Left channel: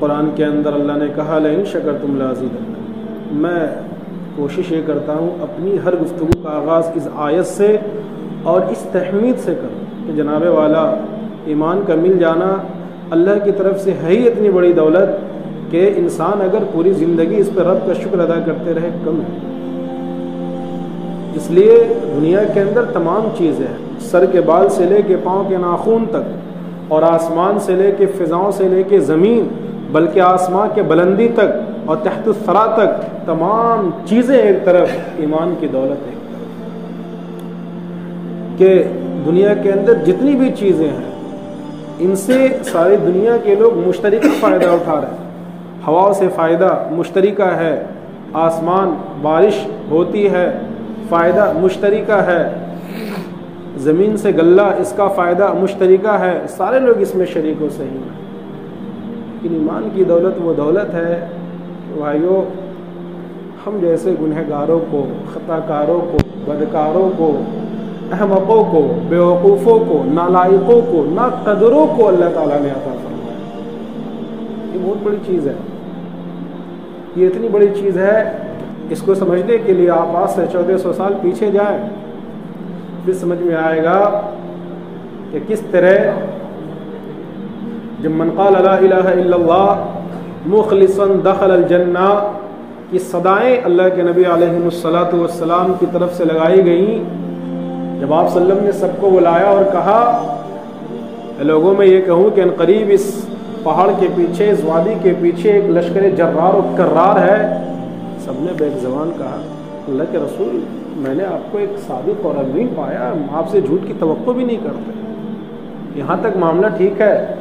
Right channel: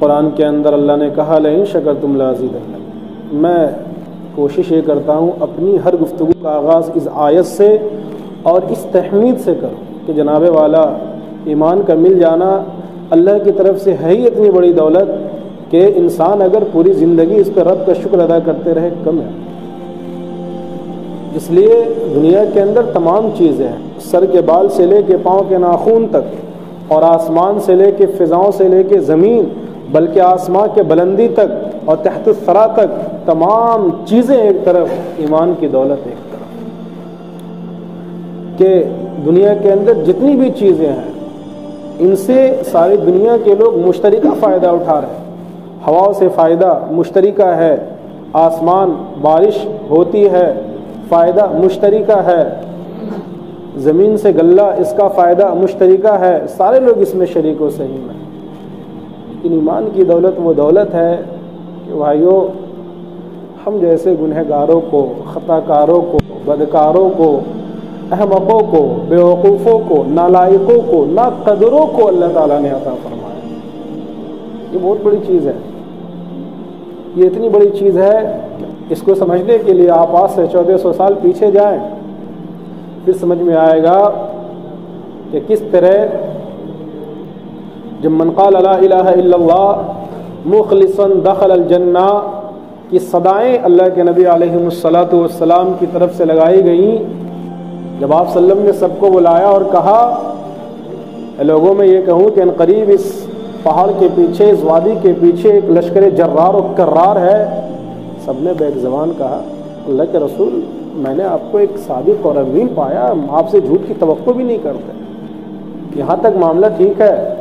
قرآن کے اندر اللہ نے کہا لئن شکرتم لازیدنکم، میں کوشش یہ کرتا ہوں اپنی ہر گفتگو کا آغاز اس آیت سے اور اس تحمید سے کروں کہ جناب والا ایمان کا مل جانا اللہ کی طرف سے ہے ہی اتنی بڑی دولت کہ انسان اگر پوری زندگی اس پہ رب کا شکر ادا کرتے رہے کم ہے۔ اس لیے دنیا کے اندر تمام چیزیں ہیں، سر کے بال سے لے کے پاؤں کے ناخن تک، اور آسمان سے لے کے فضاؤں سے لے کے زمین، بلکہ آسمان کے بلندی تک اور تحت الثری تک تمام چیزیں ایک طرف، ایمان کی دولت ایک طرف، کہ دنیا کے اندر جتنی بھی چیزیں ہیں ان سے ساری دنیا کے لوگ مشترکہ فائدہ اٹھا رہے ہیں۔ ہوا سے فائدہ مشترکہ ہے، آسمان بارش ہوتی ہے فائدہ مشترکہ ہے، زمین سے غلہ اس کا فائدہ مشترکہ ہے، سارے لوگ اس میں شریک و سہیم ہیں۔ لیکن ایمان کی دولت وہ دولت ہے بھائیو، ہم جیسے گنہگاروں کو، خطا کاروں کو، بدکاروں کو، احمقوں کو، بیوقوفوں کو، نالائقوں کو، ناقدروں کو اللہ تعالیٰ نے عطا فرمایا۔ یہ بہت بڑی چیز ہے، یہ اتنی بڑی چیز ہے، اس کو سمجھنے کے لیے آپ آج سے 1400 سال پیچھے جائیں، پھر سمجھ میں آئے گا کہ کس طرح جب من قال لا الہ الا اللہ مخلصا دخل الجنہ کی صدائیں اللہ کے نبی علیہ الصلوۃ والسلام کی طرف سے لگائی گئیں، جب آپ صلی اللہ علیہ وسلم نے سب کو بلایا اور کہا لوگوں میں یہ کہوں کہ ان قریب اس پہاڑ کے پیچھے، اس وادی کے پیچھے ایک لشکر جرار و کرار ہے، سب نے بیک زبان کہا اللہ کے رسول میں نے آپ کو ایک صادق اور امین پایا، آپ سے جھوٹ کی توقع بھی نہیں کرتے۔ یہاں تک معاملہ ٹھیک ہے،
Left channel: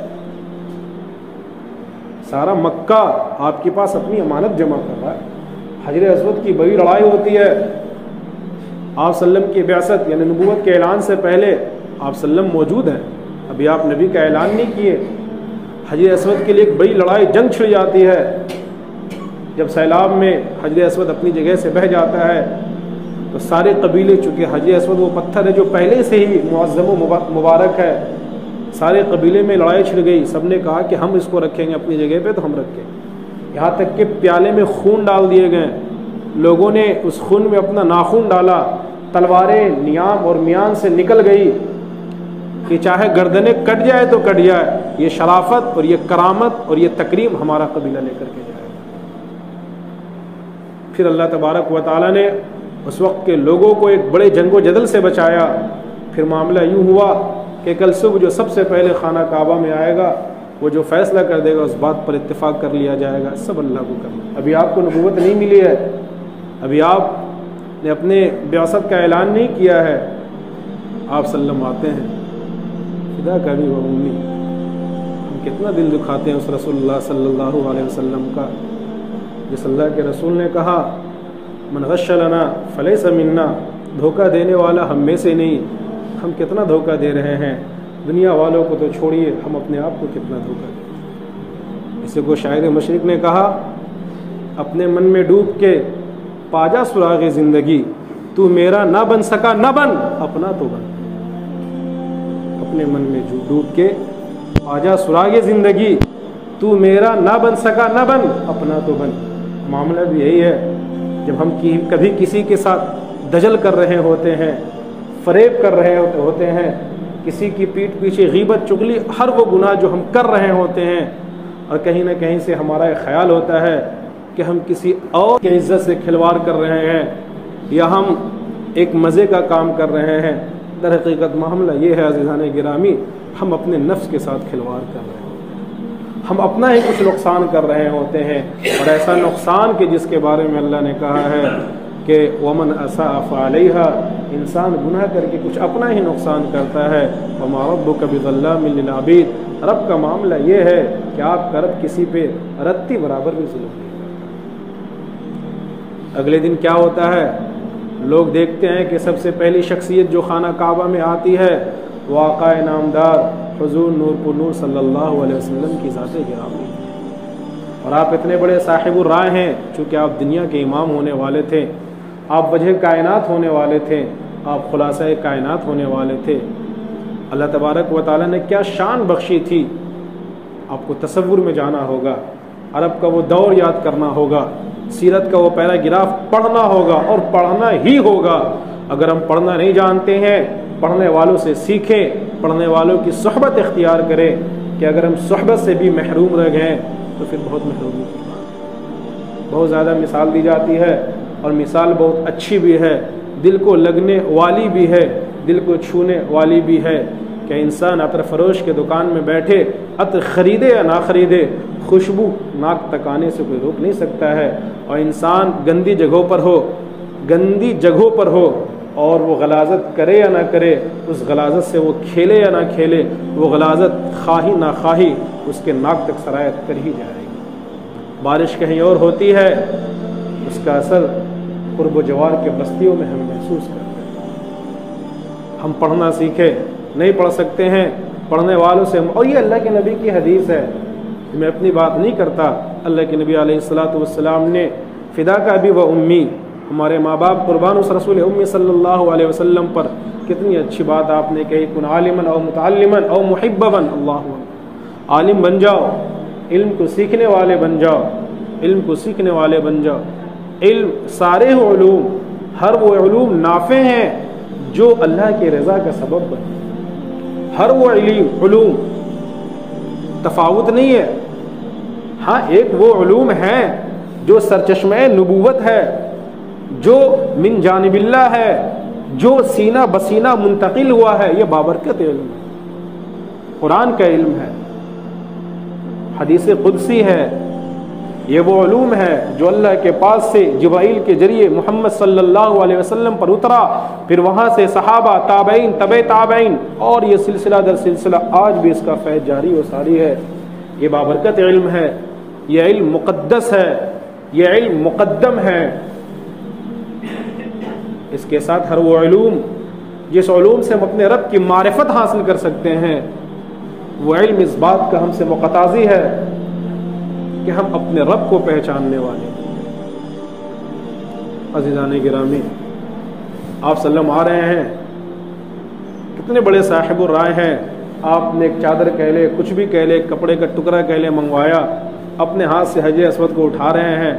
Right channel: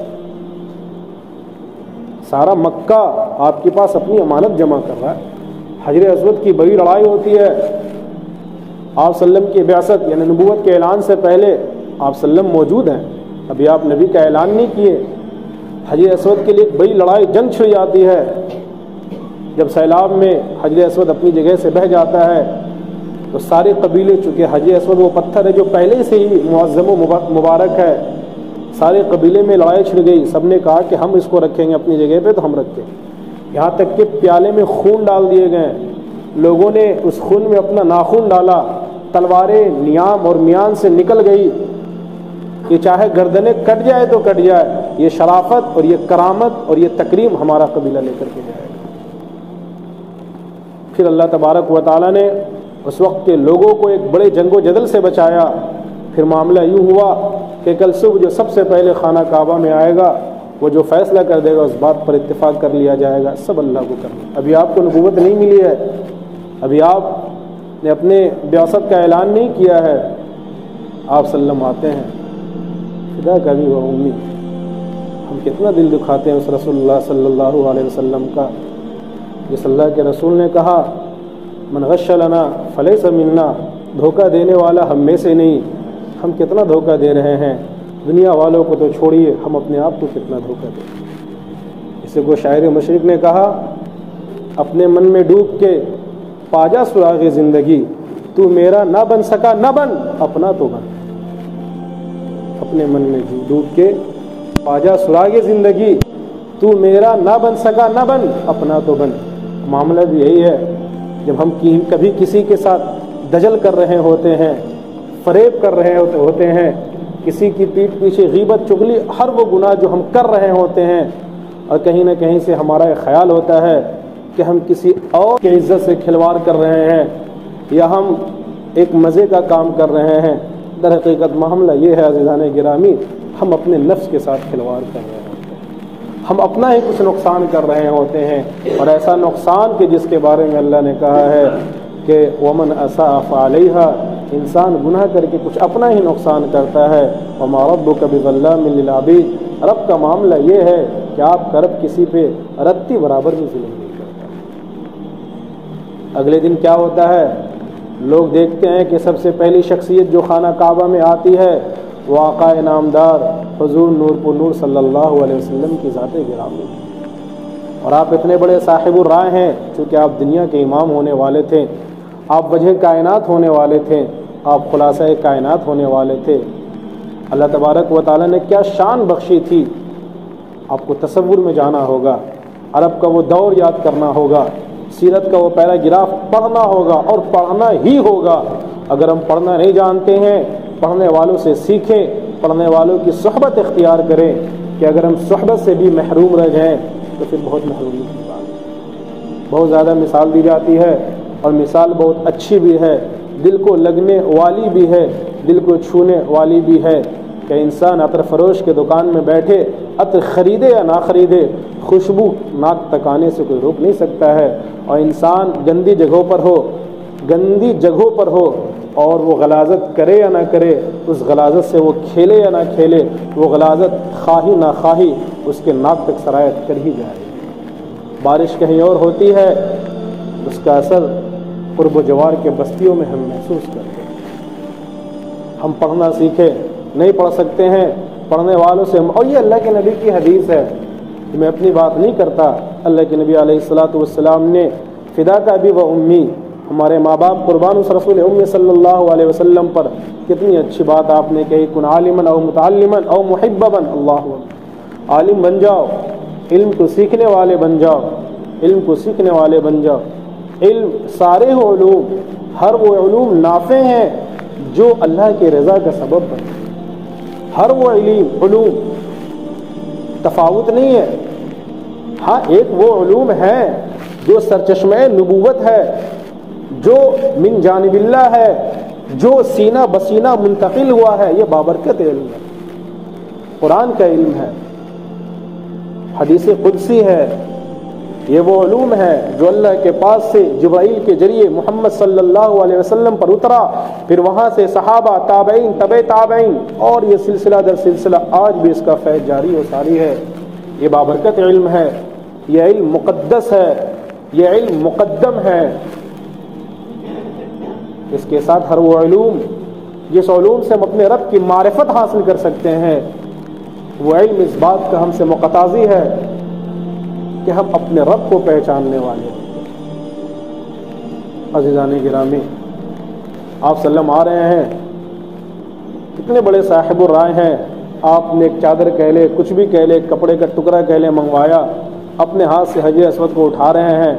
سارا مکہ آپ کے پاس اپنی امانت جمع کر رہا ہے، حجر اسود کی بڑی لڑائی ہوتی ہے، آپ صلی اللہ علیہ وسلم کی بعثت یعنی نبوت کے اعلان سے پہلے آپ صلی اللہ علیہ وسلم موجود ہیں، ابھی آپ نبی کا اعلان نہیں کیے، حجر اسود کے لیے ایک بڑی لڑائی جنگ چھڑ جاتی ہے، جب سیلاب میں حجر اسود اپنی جگہ سے بہہ جاتا ہے تو سارے قبیلے، چونکہ حجر اسود وہ پتھر ہے جو پہلے سے ہی معظم و مبارک ہے، سارے قبیلے میں لڑائی چھڑ گئی، سب نے کہا کہ ہم اس کو رکھیں گے اپنی جگہ پہ تو ہم رکھیں، یہاں تک کہ پیالے میں خون ڈال دیے گئے، لوگوں نے اس خون میں اپنا ناخن ڈالا، تلواریں نیام اور میان سے نکل گئی کہ چاہے گردنیں کٹ جائے تو کٹ جائے، یہ شرافت اور یہ کرامت اور یہ تکریم ہمارا قبیلہ لے کر کے جائے گا۔ پھر اللہ تبارک و تعالیٰ نے اس وقت کے لوگوں کو ایک بڑے جنگ و جدل سے بچایا، پھر معاملہ یوں ہوا کہ کل صبح جو سب سے پہلے خانہ کعبہ میں آئے گا وہ جو فیصلہ کر دے گا اس بات پر اتفاق کر لیا جائے گا، سب اللہ کو کرنا۔ ابھی آپ کو نبوت نہیں ملی ہے، ابھی آپ نے اپنے بعثت کا اعلان نہیں کیا ہے، آپ صلی اللہ علیہ وسلم آتے ہیں، خدا کا بھی عمومی ہم کتنا دل دکھاتے ہیں اس رسول اللہ صلی اللہ علیہ وسلم کا، جس اللہ کے رسول نے کہا من غش لنا فلیس منا، دھوکہ دینے والا ہم میں سے نہیں، ہم کتنا دھوکہ دے رہے ہیں، دنیا والوں کو تو چھوڑیے ہم اپنے آپ کو کتنا دھوکہ دیں۔ اسے کو شاعر مشرق نے کہا اپنے من میں ڈوب کے پاجا سراغ زندگی، تو میرا نہ بن سکا نہ بن اپنا تو بن، اپنے من میں ڈوب کے پاجا سراغ زندگی، تو میرا نہ بن سکا نہ بن اپنا تو بن۔ معاملہ بھی یہی ہے، جب ہم کبھی کسی کے ساتھ دجل کر رہے ہوتے ہیں، فریب کر رہے ہوتے ہیں، کسی کی پیٹھ پیچھے غیبت چغلی، ہر وہ گناہ جو ہم کر رہے ہوتے ہیں، اور کہیں نہ کہیں سے ہمارا ایک خیال ہوتا ہے کہ ہم کسی اور کی عزت سے کھلواڑ کر رہے ہیں یا ہم ایک مزے کا کام کر رہے ہیں، در حقیقت معاملہ یہ ہے عزیزان گرامی، ہم اپنے نفس کے ساتھ کھلواڑ کر رہے ہیں، ہم اپنا ہی کچھ نقصان کر رہے ہوتے ہیں، اور ایسا نقصان کہ جس کے بارے میں اللہ نے کہا ہے کہ ومن اساء فعلیہا، انسان گناہ کر کے کچھ اپنا ہی نقصان کرتا ہے، وما ربک بظلام للعبید، رب کا معاملہ یہ ہے کہ آپ کا رب کسی پہ رتی برابر بھی ظلم نہیں کرتا۔ اگلے دن کیا ہوتا ہے، لوگ دیکھتے ہیں کہ سب سے پہلی شخصیت جو خانہ کعبہ میں آتی ہے وہ آقا نامدار حضور نور پر نور صلی اللہ علیہ وسلم کی ذات گرامی، اور آپ اتنے بڑے صاحب الرائے ہیں، چونکہ آپ دنیا کے امام ہونے والے تھے، آپ وجہ کائنات ہونے والے تھے، آپ خلاصہ کائنات ہونے والے تھے، اللہ تبارک و تعالیٰ نے کیا شان بخشی تھی، آپ کو تصور میں جانا ہوگا عرب کا وہ دور یاد کرنا ہوگا، سیرت کا وہ پیراگراف پڑھنا ہوگا اور پڑھنا ہی ہوگا۔ اگر ہم پڑھنا نہیں جانتے ہیں، پڑھنے والوں سے سیکھیں، پڑھنے والوں کی صحبت اختیار کریں، کہ اگر ہم صحبت سے بھی محروم رہ گئے تو پھر بہت محرومی کی بات ہے۔ بہت زیادہ مثال دی جاتی ہے اور مثال بہت اچھی بھی ہے، دل کو لگنے والی بھی ہے، دل کو چھونے والی بھی ہے، کہ انسان عطر فروش کے دکان میں بیٹھے عطر خریدے یا نہ خریدے، خوشبو ناک تک آنے سے کوئی روک نہیں سکتا ہے، اور انسان گندی جگہوں پر ہو اور وہ غلاظت کرے یا نہ کرے، اس غلاظت سے وہ کھیلے یا نہ کھیلے، وہ غلاظت خواہی نہ خواہی اس کے ناک تک سرایت کر ہی جائے گی۔ بارش کہیں اور ہوتی ہے، اس کا اثر قرب و جوار کے بستیوں میں ہم محسوس کرتے ہیں۔ ہم پڑھنا سیکھیں، نہیں پڑھ سکتے ہیں، پڑھنے والوں سے اور یہ اللہ کے نبی کی حدیث ہے، میں اپنی بات نہیں کرتا، اللہ کے نبی علیہ الصلوۃ والسلام نے فداک ابی و امی، ہمارے ماں باپ قربان اس رسول امی صلی اللہ علیہ وسلم پر، کتنی اچھی بات آپ نے کہی، کن عالما او متعلما او محببا، اللہ عالم بن جاؤ، علم کو سیکھنے والے بن جاؤ، علم کو سیکھنے والے بن جاؤ۔ علم سارے علوم، ہر وہ علوم نافع ہیں جو اللہ کی رضا کا سبب بنے، ہر وہ علوم تفاوت نہیں ہے۔ ہاں ایک وہ علوم ہے جو سرچشمہ نبوت ہے، جو من جانب اللہ ہے، جو سینہ بسینہ منتقل ہوا ہے، یہ بابرکت علم ہے، قرآن کا علم ہے، حدیث قدسی ہے، یہ وہ علوم ہے جو اللہ کے پاس سے جبرائیل کے ذریعے محمد صلی اللہ علیہ وسلم پر اترا، پھر وہاں سے صحابہ، تابعین، تبع تابعین، اور یہ سلسلہ در سلسلہ آج بھی اس کا فیض جاری و ساری ہے۔ یہ بابرکت علم ہے، یہ علم مقدس ہے، یہ علم مقدم ہے۔ اس کے ساتھ ہر وہ علوم جس علوم سے ہم اپنے رب کی معرفت حاصل کر سکتے ہیں، وہ علم اس بات کو ہم سے مقتضی ہے کہ ہم اپنے رب کو پہچاننے والے ہیں۔ عزیزان گرامی، آپ صلی اللہ علیہ وسلم آ رہے ہیں، کتنے بڑے صاحب الرائے ہیں، آپ نے ایک چادر کہہ لے، کچھ بھی کہہ لے، کپڑے کا ٹکڑا کہہ لے، منگوایا، اپنے ہاتھ سے حجر اسود کو اٹھا رہے ہیں،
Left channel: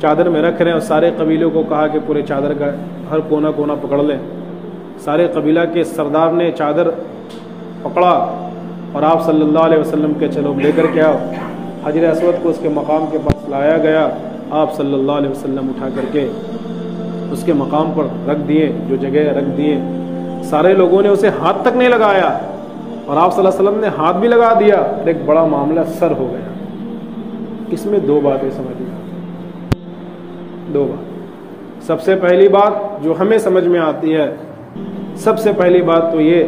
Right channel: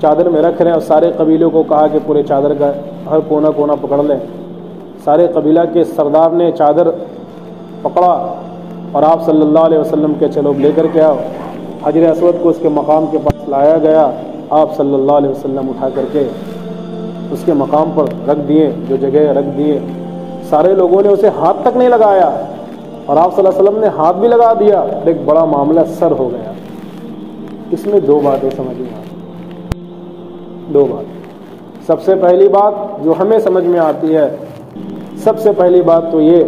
چادر میں رکھ رہے ہیں، اور سارے قبیلوں کو کہا کہ پورے چادر کا ہر کونا کونا پکڑ لیں۔ سارے قبیلہ کے سردار نے چادر پکڑا اور آپ صلی اللہ علیہ وسلم کے چلو لے کر کے آؤ۔ حجر اسود کو اس کے مقام کے پاس لایا گیا، آپ صلی اللہ علیہ وسلم اٹھا کر کے اس کے مقام پر رکھ دیے، جو جگہ رکھ دیے۔ سارے لوگوں نے اسے ہاتھ تک نہیں لگایا، اور آپ صلی اللہ علیہ وسلم نے ہاتھ بھی لگا دیا، ایک بڑا معاملہ سر ہو گیا۔ اس میں دو باتیں سمجھ میں آتی، دو بات۔ سب سے پہلی بات جو ہمیں سمجھ میں آتی ہے، سب سے پہلی بات تو یہ،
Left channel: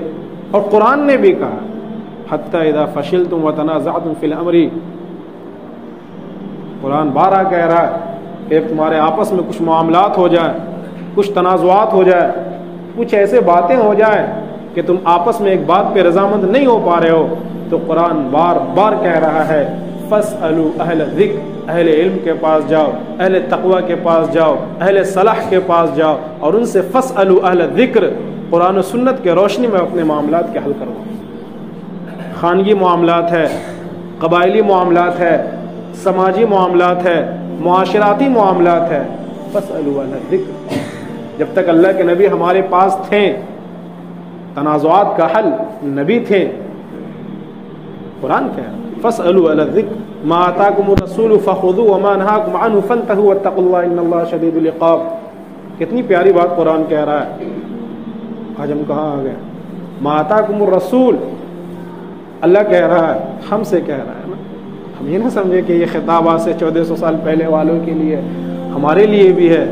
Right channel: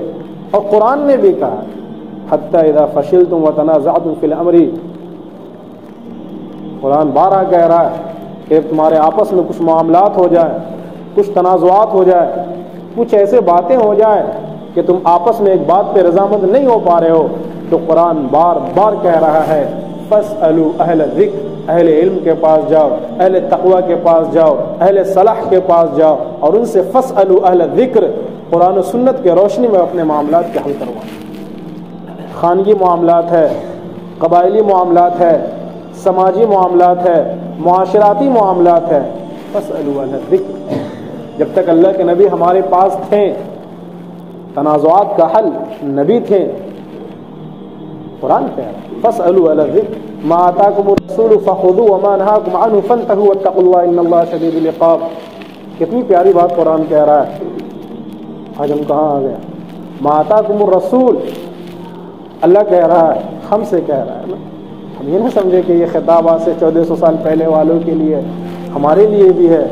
اور قرآن نے بھی کہا، حتی اذا فشلتم وتنازعتم فی الامر، قرآن بارہ کہہ رہا ہے کہ تمہارے آپس میں کچھ معاملات ہو جائے، کچھ تنازعات ہو جائے، کچھ ایسے باتیں ہو جائے کہ تم آپس میں ایک بات پہ رضامند نہیں ہو پا رہے ہو، تو قرآن بار بار کہہ رہا ہے فاسألوا اہل الذکر، اہل علم کے پاس جاؤ، اہل تقوی کے پاس جاؤ، اہل صلاح کے پاس جاؤ، اور ان سے فاسألوا اہل الذکر، قرآن و سنت کے روشنی میں اپنے معاملات کے حل کرواؤ۔ خانگی معاملات ہے، قبائلی معاملات ہے، سماجی معاملات ہے، معاشراتی معاملات ہے، فاسألوا اہل الذکر۔ جب تک اللہ کے نبی ہمارے پاس تھے، تنازعات کا حل نبی تھے۔ قرآن کیا ہے؟ فاسألوا اہل الذکر ما آتاکم الرسول فخذوه وما نهاکم عنه فانتهوا واتقوا اللہ ان اللہ شدید العقاب۔ کتنی پیاری بات قرآن کہہ رہا ہے۔ آج ہم کہاں آ گئے؟ ما آتاکم الرسول، اللہ کہہ رہا ہے، ہم سے کہہ رہا ہے نا۔ ہم یہ نہیں سمجھے کہ یہ خطاب آج سے 1400 سال پہلے والوں کے لیے، ہمارے لیے بھی ہے،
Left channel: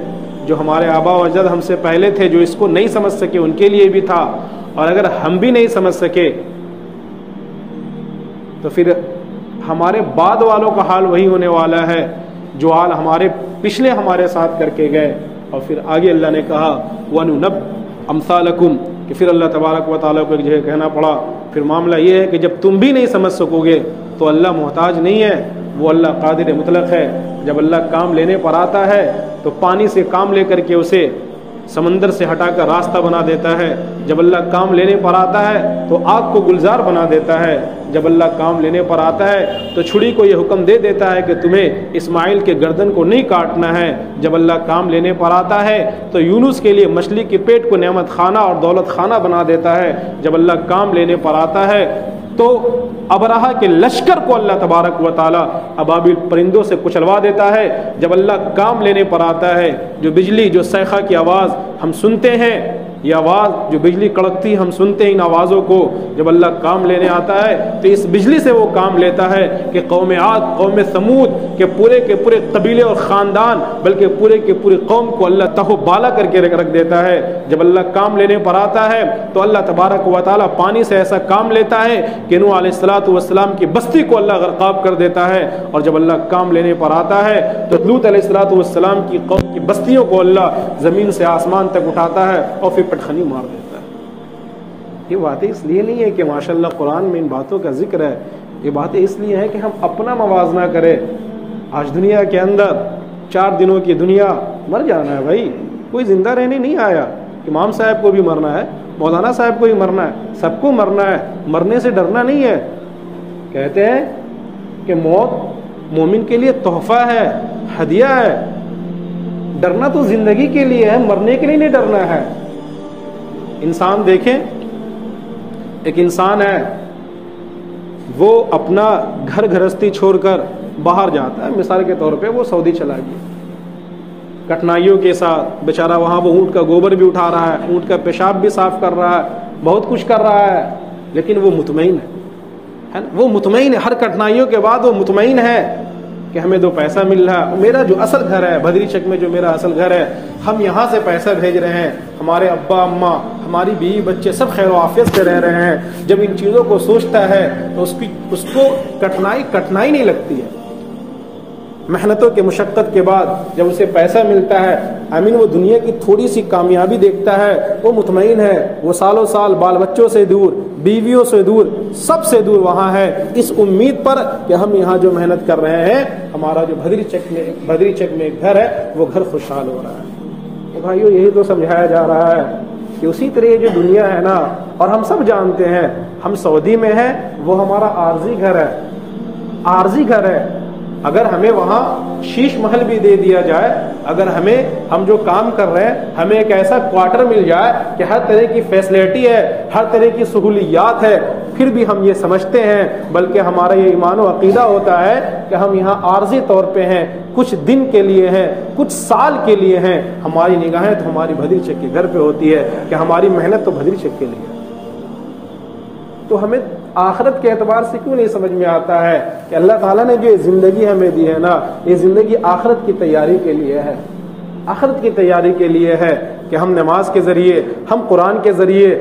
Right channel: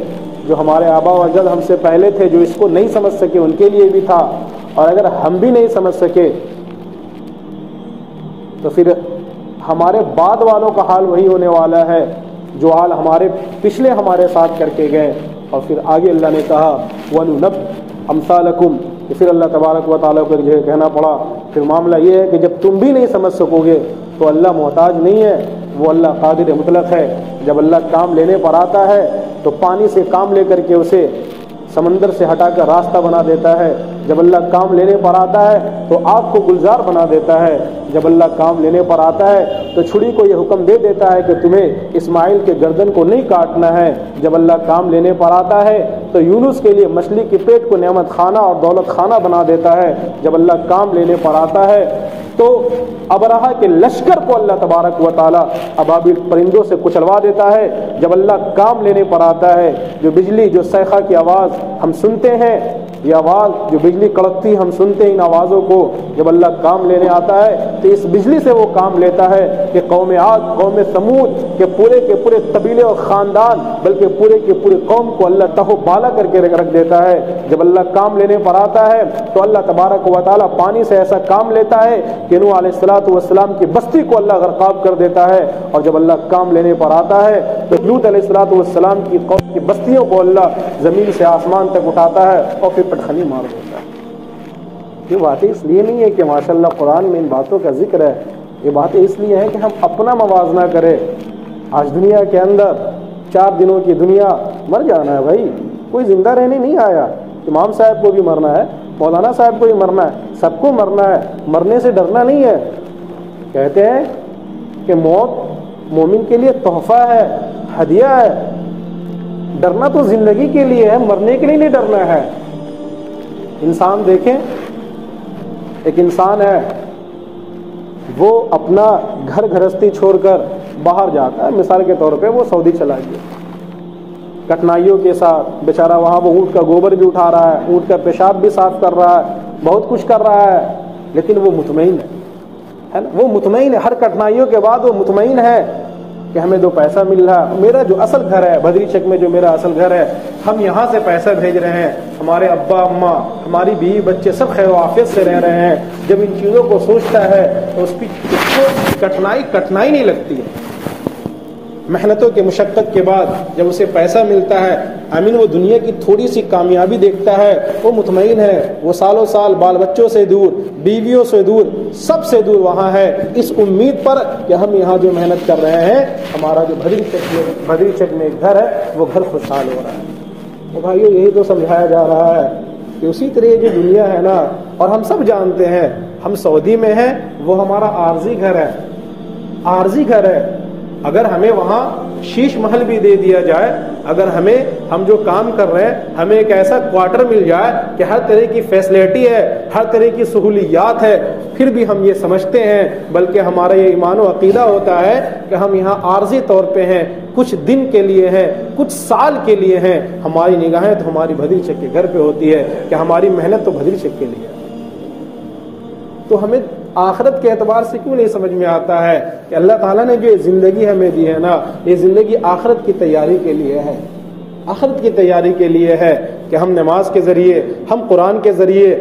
جو ہمارے آبا و اجداد ہم سے پہلے تھے، جو اس کو نہیں سمجھ سکے ان کے لیے بھی تھا، اور اگر ہم بھی نہیں سمجھ سکے تو پھر ہمارے بعد والوں کا حال وہی ہونے والا ہے جو حال ہمارے پچھلے ہمارے ساتھ کر کے گئے۔ اور پھر آگے اللہ نے کہا وَنُنَبِّئُ أَمْثَالَكُمْ، کہ پھر اللہ تبارک و تعالیٰ کو جو کہنا پڑا۔ پھر معاملہ یہ ہے کہ جب تم بھی نہیں سمجھ سکو گے تو اللہ محتاج نہیں ہے، وہ اللہ قادر مطلق ہے۔ جب اللہ کام لینے پر آتا ہے تو پانی سے کام لے کر کے اسے سمندر سے ہٹا کر راستہ بنا دیتا ہے، جب اللہ کام لینے پر آتا ہے تو آگ کو گلزار بنا دیتا ہے، جب اللہ کام لینے پر آتا ہے تو چھری کو یہ حکم دے دیتا ہے کہ تمہیں اسماعیل کے گردن کو نہیں کاٹنا ہے، جب اللہ کام لینے پر آتا ہے تو یونس کے لیے مچھلی کے پیٹ کو نعمت خانہ اور دولت خانہ بنا دیتا ہے، جب اللہ کام لینے پر آتا ہے تو ابرہہ کے لشکر کو اللہ تبارک و تعالی ابابیل پرندوں سے کچلوا دیتا ہے، جب اللہ کام لینے پر آتا ہے جو بجلی، جو صیقہ کی آواز ہم سنتے ہیں، یہ آواز جو بجلی کڑکتی ہم سنتے ہیں ان آوازوں کو، جب اللہ کام لینے آتا ہے تو اس بجلی سے وہ کام لیتا ہے کہ قوم عاد، قوم ثمود کے پورے قبیلے اور خاندان بلکہ پورے کے پورے قوم کو اللہ تہو بالا کر کے رکھ دیتا ہے، جب اللہ کام لینے پر آتا ہے تو اللہ تبارک و تعالی پانی سے ایسا کام لیتا ہے کہ نوح علیہ السلام کی بستی کو اللہ غرقاب کر دیتا ہے، اور جب اللہ کام لینے پر آتا ہے تو لوط علیہ السلام کی قوم کی بستیوں کو اللہ زمین سے آسمان تک اٹھاتا ہے اور پھر پٹخنی مار دیتا ہے۔ یہ باتیں اس لیے نہیں ہے کہ ماشاءاللہ قرآن میں ان باتوں کا ذکر ہے، یہ باتیں اس لیے ہیں کہ ہم اپنا موازنہ کریں۔ آج دنیا کے اندر 4 دنوں کی دنیا، مر جانا ہے بھائی، کوئی زندہ رہنے نہیں آیا۔ امام صاحب کو بھی مرنا ہے، مولانا صاحب کو بھی مرنا ہے، سب کو مرنا ہے، مرنے سے ڈرنا نہیں ہے۔ کہتے ہیں کہ موت مومن کے لیے تحفہ ہے، ہدیہ ہے، ڈرنا تو زندگی کے لیے ہے، مرنے کے لیے نہیں ڈرنا ہے۔ انسان دیکھیں، ایک انسان ہے وہ اپنا گھر گھرستی چھوڑ کر باہر جاتا ہے، مثال کے طور پہ وہ سعودی چلا گیا، کٹھنائیوں کے ساتھ بیچارہ وہاں وہ اونٹ کا گوبر بھی اٹھا رہا ہے، اونٹ کا پیشاب بھی صاف کر رہا ہے، بہت کچھ کر رہا ہے، لیکن وہ مطمئن ہے نا، وہ مطمئن ہے، ہر کٹھنائیوں کے بعد وہ مطمئن ہے کہ ہمیں 2 پیسہ مل رہا ہے، میرا جو اصل گھر ہے بدری چک میں، جو میرا اصل گھر ہے، ہم یہاں سے پیسہ بھیج رہے ہیں، ہمارے ابا اماں، ہماری بیوی بچے سب خیر و عافیت سے رہ رہے ہیں۔ جب ان چیزوں کو سوچتا ہے تو اس کو کٹھنائی نہیں لگتی ہے۔ محنتوں کے مشقت کے بعد جب اسے پیسہ ملتا ہے، آمین وہ دنیا کی تھوڑی سی کامیابی دیکھتا ہے، وہ مطمئن ہے، وہ سالوں سال بال بچوں سے دور، بیویوں سے دور، سب سے دور وہاں ہے، اس امید پر کہ ہم یہاں جو محنت کر رہے ہیں، ہمارا جو بدری چک میں ایک گھر ہے وہ گھر خوشحال ہو رہا ہے۔ تو بھائیو یہی تو سمجھایا جا رہا ہے کہ اسی طرح جو دنیا ہے نا، اور ہم سب جانتے ہیں ہم سعودی میں ہیں، وہ ہمارا عارضی گھر ہے، عارضی گھر ہے۔ اگر ہمیں وہاں شیش محل بھی دے دیا جائے، اگر ہم جو کام کر رہے ہیں ہمیں ایک ایسا کوارٹر مل جائے کہ ہر طرح کی فیسلٹی ہے، ہر طرح کی سہولیات ہے، پھر بھی ہم یہ سمجھتے ہیں، بلکہ ہمارا یہ ایمان و عقیدہ ہوتا ہے کہ ہم یہاں عارضی طور پہ ہیں، کچھ دن کے لیے ہیں، کچھ سال کے لیے ہیں۔ ہماری نگاہیں تو ہماری بدری چک کے گھر پہ ہوتی ہے کہ ہماری محنت تو بدری چک کے لیے ہے۔ تو ہمیں آخرت کے اعتبار سے کیوں نہیں سمجھ میں آتا ہے کہ اللہ تعالیٰ نے جو زندگی ہمیں دی ہے نا، یہ زندگی آخرت کی تیاری کے لیے ہے، آخرت کی تیاری کے لیے ہے کہ ہم نماز کے ذریعے، ہم قرآن کے ذریعے،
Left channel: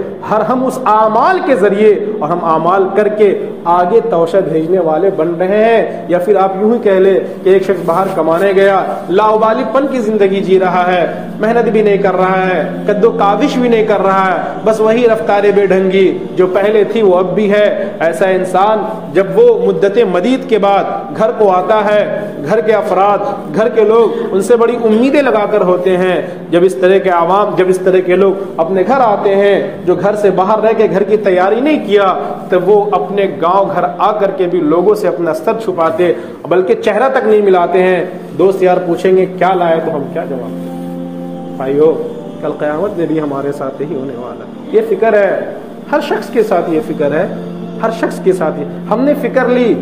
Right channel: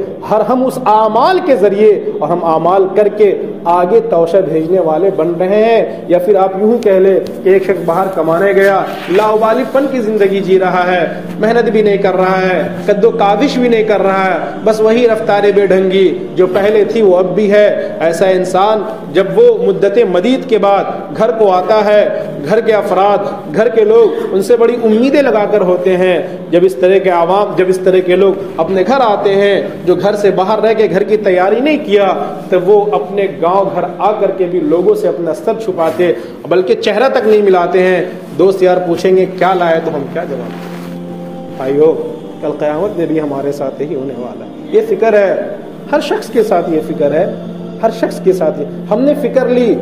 ہم اس اعمال کے ذریعے، اور ہم اعمال کر کے آگے توشہ بھیجنے والے بن رہے ہیں۔ یا پھر آپ یوں ہی کہہ لیں کہ ایک شخص باہر کمانے گیا، لاؤبالی پن کی زندگی جی رہا ہے، محنت بھی نہیں کر رہا ہے، قد و کاوش بھی نہیں کر رہا ہے، بس وہی رفتار بے ڈھنگی جو پہلے تھی وہ اب بھی ہے۔ ایسا انسان جب وہ مدت مدید کے بعد گھر کو آتا ہے، گھر کے افراد، گھر کے لوگ ان سے بڑی امیدیں لگا کر ہوتے ہیں، جب اس طرح کے لوگ اپنے گھر آتے ہیں جو گھر سے باہر رہ کے گھر کی تیاری نہیں کیا، تو وہ اپنے گاؤں گھر آ کر کے بھی لوگوں سے اپنا سر چھپاتے، بلکہ چہرہ تک نہیں ملاتے ہیں۔ دوست یار پوچھیں گے کیا لائے تو ہم کیا جواب دیں؟ بھائیو کل قیامت میں بھی ہمارے ساتھ ہی ہونے والا، یہ فکر ہے، ہر شخص کے ساتھ یہ فکر ہے، ہر شخص کے ساتھ ہم نے فکر لی۔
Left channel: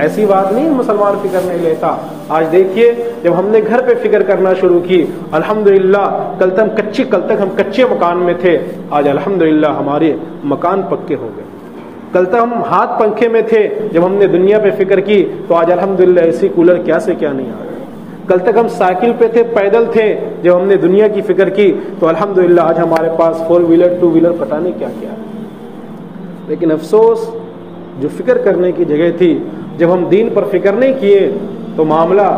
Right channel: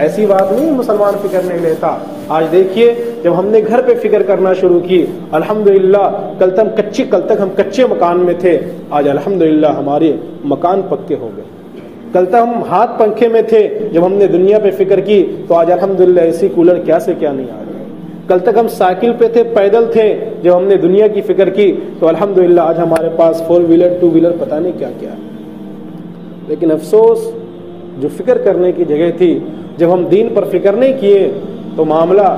ایسی بات نہیں مسلمان فکر نہیں لیتا۔ آج دیکھیے جب ہم نے گھر پہ فکر کرنا شروع کی، الحمدللہ کل تک ہم کچے مکان میں تھے، آج الحمدللہ ہمارے مکان پکے ہو گئے۔ کل تک ہم ہاتھ پنکھے میں تھے، جب ہم نے دنیا پہ فکر کی تو آج الحمدللہ اسی کولر کیا سے کیا نہیں آ رہا۔ کل تک ہم سائیکل پہ تھے، پیدل تھے، جب ہم نے دنیا کی فکر کی تو الحمدللہ آج ہمارے پاس 4 ویلر 2 ویلر پتہ نہیں کیا کیا ہے۔ لیکن افسوس جو فکر کرنے کی جگہ تھی، جب ہم دین پر فکر نہیں کیے تو معاملہ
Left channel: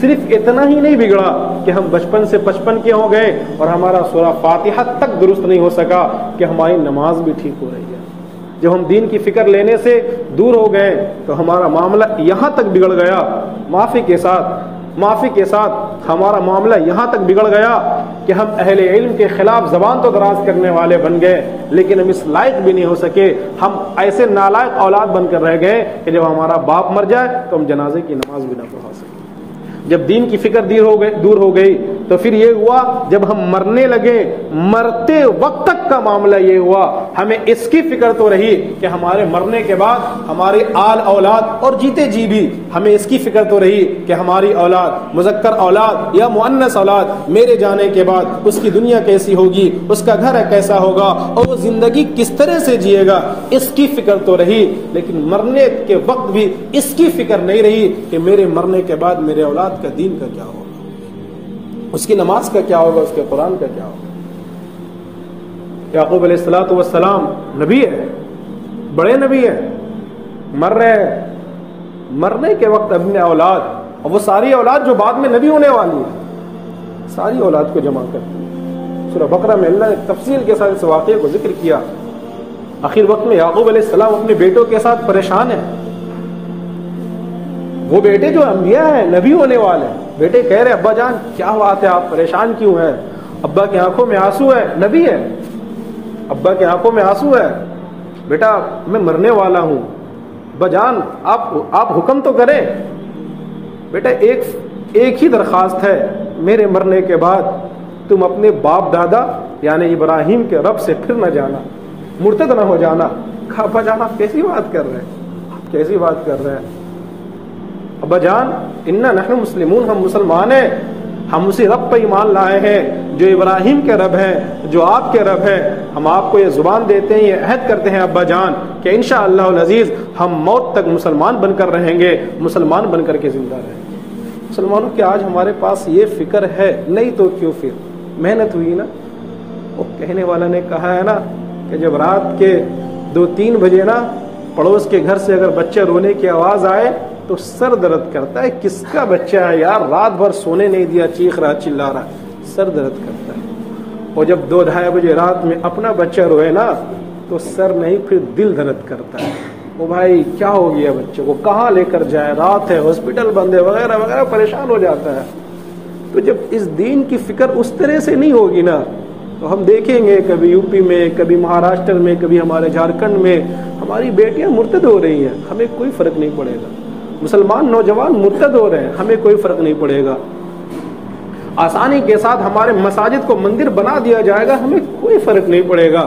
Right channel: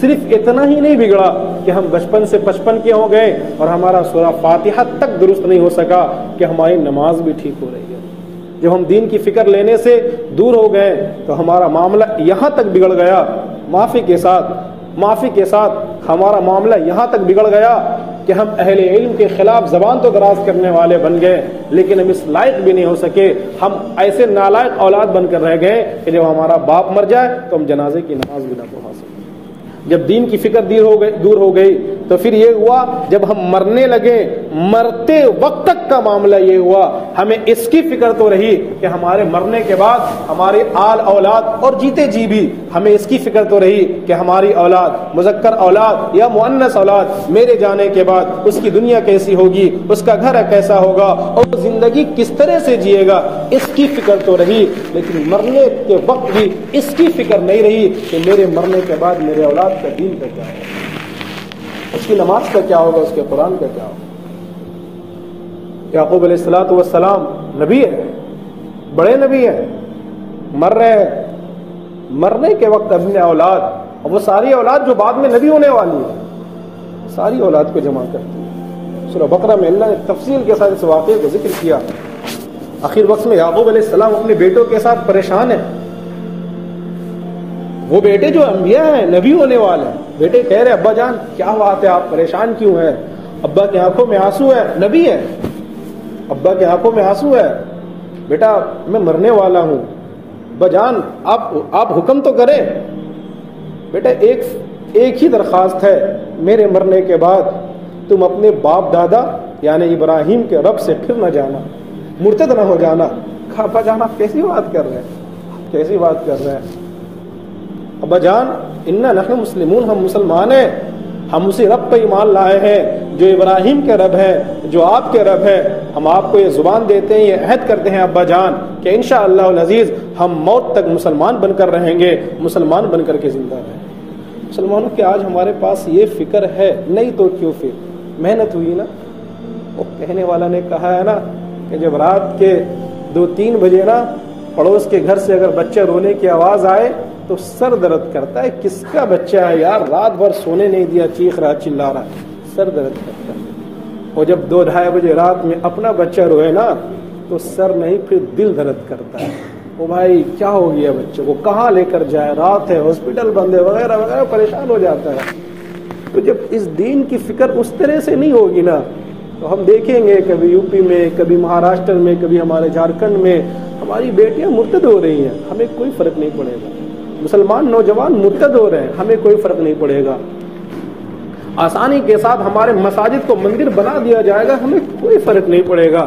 صرف اتنا ہی نہیں بگڑا کہ ہم بچپن سے 55 کے ہو گئے اور ہمارا سورہ فاتحہ تک درست نہیں ہو سکا کہ ہماری نماز بھی ٹھیک ہو رہی ہے۔ جب ہم دین کی فکر لینے سے دور ہو گئے تو ہمارا معاملہ یہاں تک بگڑ گیا، معافی کے ساتھ ہمارا معاملہ یہاں تک بگڑ گیا کہ ہم اہل علم کے خلاف زبان تو دراز کرنے والے بن گئے لیکن ہم اس لائق بھی نہیں ہو سکے. ہم ایسے نالائق اولاد بن کر رہ گئے کہ جب ہمارا باپ مر جائے تو ہم جنازے کی نماز بھی نہ پڑھا سکیں. جب دین کی فکر دور ہو گئی تو پھر یہ ہوا جب ہم مرنے لگے, مرتے وقت تک کا معاملہ یہ ہوا ہمیں اس کی فکر تو رہی کہ ہمارے مرنے کے بعد ہمارے آل اولاد اور جیتے جی بھی ہمیں اس کی فکر تو رہی کہ ہماری اولاد مذکر اولاد یا مؤنث اولاد میرے جانے کے بعد اس کی دنیا کیسی ہوگی, اس کا گھر کیسا ہوگا اور وہ زندگی کس طرح سے جیے گا, اس کی فکر تو رہی. لیکن مرنے کے وقت بھی اس کی فکر نہیں رہی کہ میرے مرنے کے بعد میرے اولاد کا دین کا کیا ہوگا, اس کی نماز کا کیا ہوگا, اس کے قرآن کا کیا ہوگا. یعقوب علیہ الصلوۃ والسلام نبی ہے, بڑے نبی ہے, مر رہے ہیں, مرنے کے وقت اپنے اولاد اور وہ ساری اولاد جو بعد میں نبی ہونے والی ہے ساری اولاد کو جمع کرتی ہے. سورہ بقرہ میں اللہ نے تفصیل کے ساتھ اس واقعے کو ذکر کیا. آخر وقت میں یعقوب علیہ السلام اپنے بیٹوں کے ساتھ پریشان ہیں. وہ بیٹے جو انبیاء ہیں, نبی ہونے والے ہیں, بیٹے کہہ رہے ابا جان کیا بات ہے, آپ پریشان کیوں ہیں؟ ابا کی آنکھوں میں آنسو ہے, نبی ہے, ابا کی آنکھوں میں آنسو ہے, بیٹا میں مرنے والا ہوں, ابا جان آپ حکم تو کریں. بیٹا ایک ہی درخواست ہے, میرے مرنے کے بعد تم اپنے باپ دادا یعنی ابراہیم کے رب سے پھر نہ جانا, مرتد نہ ہو جانا. ابا جان آپ کیسی بات کر رہے ہیں, کیسی بات کر رہے ہیں؟ ابا جان انا نحن مسلمون, ہم مسلمان ہیں, ہم اسی رب پہ ایمان لائے ہیں جو ابراہیم کے رب ہے, جو آپ کے رب ہے. ہم آپ کو یہ زبان دیتے ہیں, یہ عہد کرتے ہیں ابا جان کہ انشاءاللہ العزیز ہم موت تک مسلمان بن کر رہیں گے, مسلمان بن کر کے زندہ رہیں گے. مسلمانوں کے آج ہمارے پاس یہ فکر ہے نہیں تو کیوں, پھر محنت ہوئی نا. وہ کہنے والا نے کہا ہے نا کہ جب رات کے 2-3 بجے نا پڑوس کے گھر سے اگر بچہ رونے کی آواز آئے تو سر درد کرتا ہے. کس کا بچہ ہے یار, رات بھر سونے نہیں دیا, چیخ رہا چلا رہا, سر درد کرتا ہے. اور جب 2-2:30 بجے رات میں اپنا بچہ روئے نا تو سر نہیں پھر دل درد کرتا ہے. وہ بھائی کیا ہو گیا بچے کو, کہاں لے کر جائے, رات ہے, ہاسپٹل بند ہے, وغیرہ وغیرہ, پریشان ہو جاتا ہے. تو جب اس دین کی فکر اس طرح سے نہیں ہوگی نا تو ہم دیکھیں گے کبھی یو پی میں, کبھی مہاراشٹر میں, کبھی ہمارے جھارکھنڈ میں ہماری بیٹیاں مرتد ہو رہی ہیں, ہمیں کوئی فرق نہیں پڑے گا. مسلمان نوجوان مرتد ہو رہے ہیں, ہمیں کوئی فرق نہیں پڑے گا. آسانی کے ساتھ ہمارے مساجد کو مندر بنا دیا جائے گا, ہمیں کوئی فرق نہیں پڑے گا.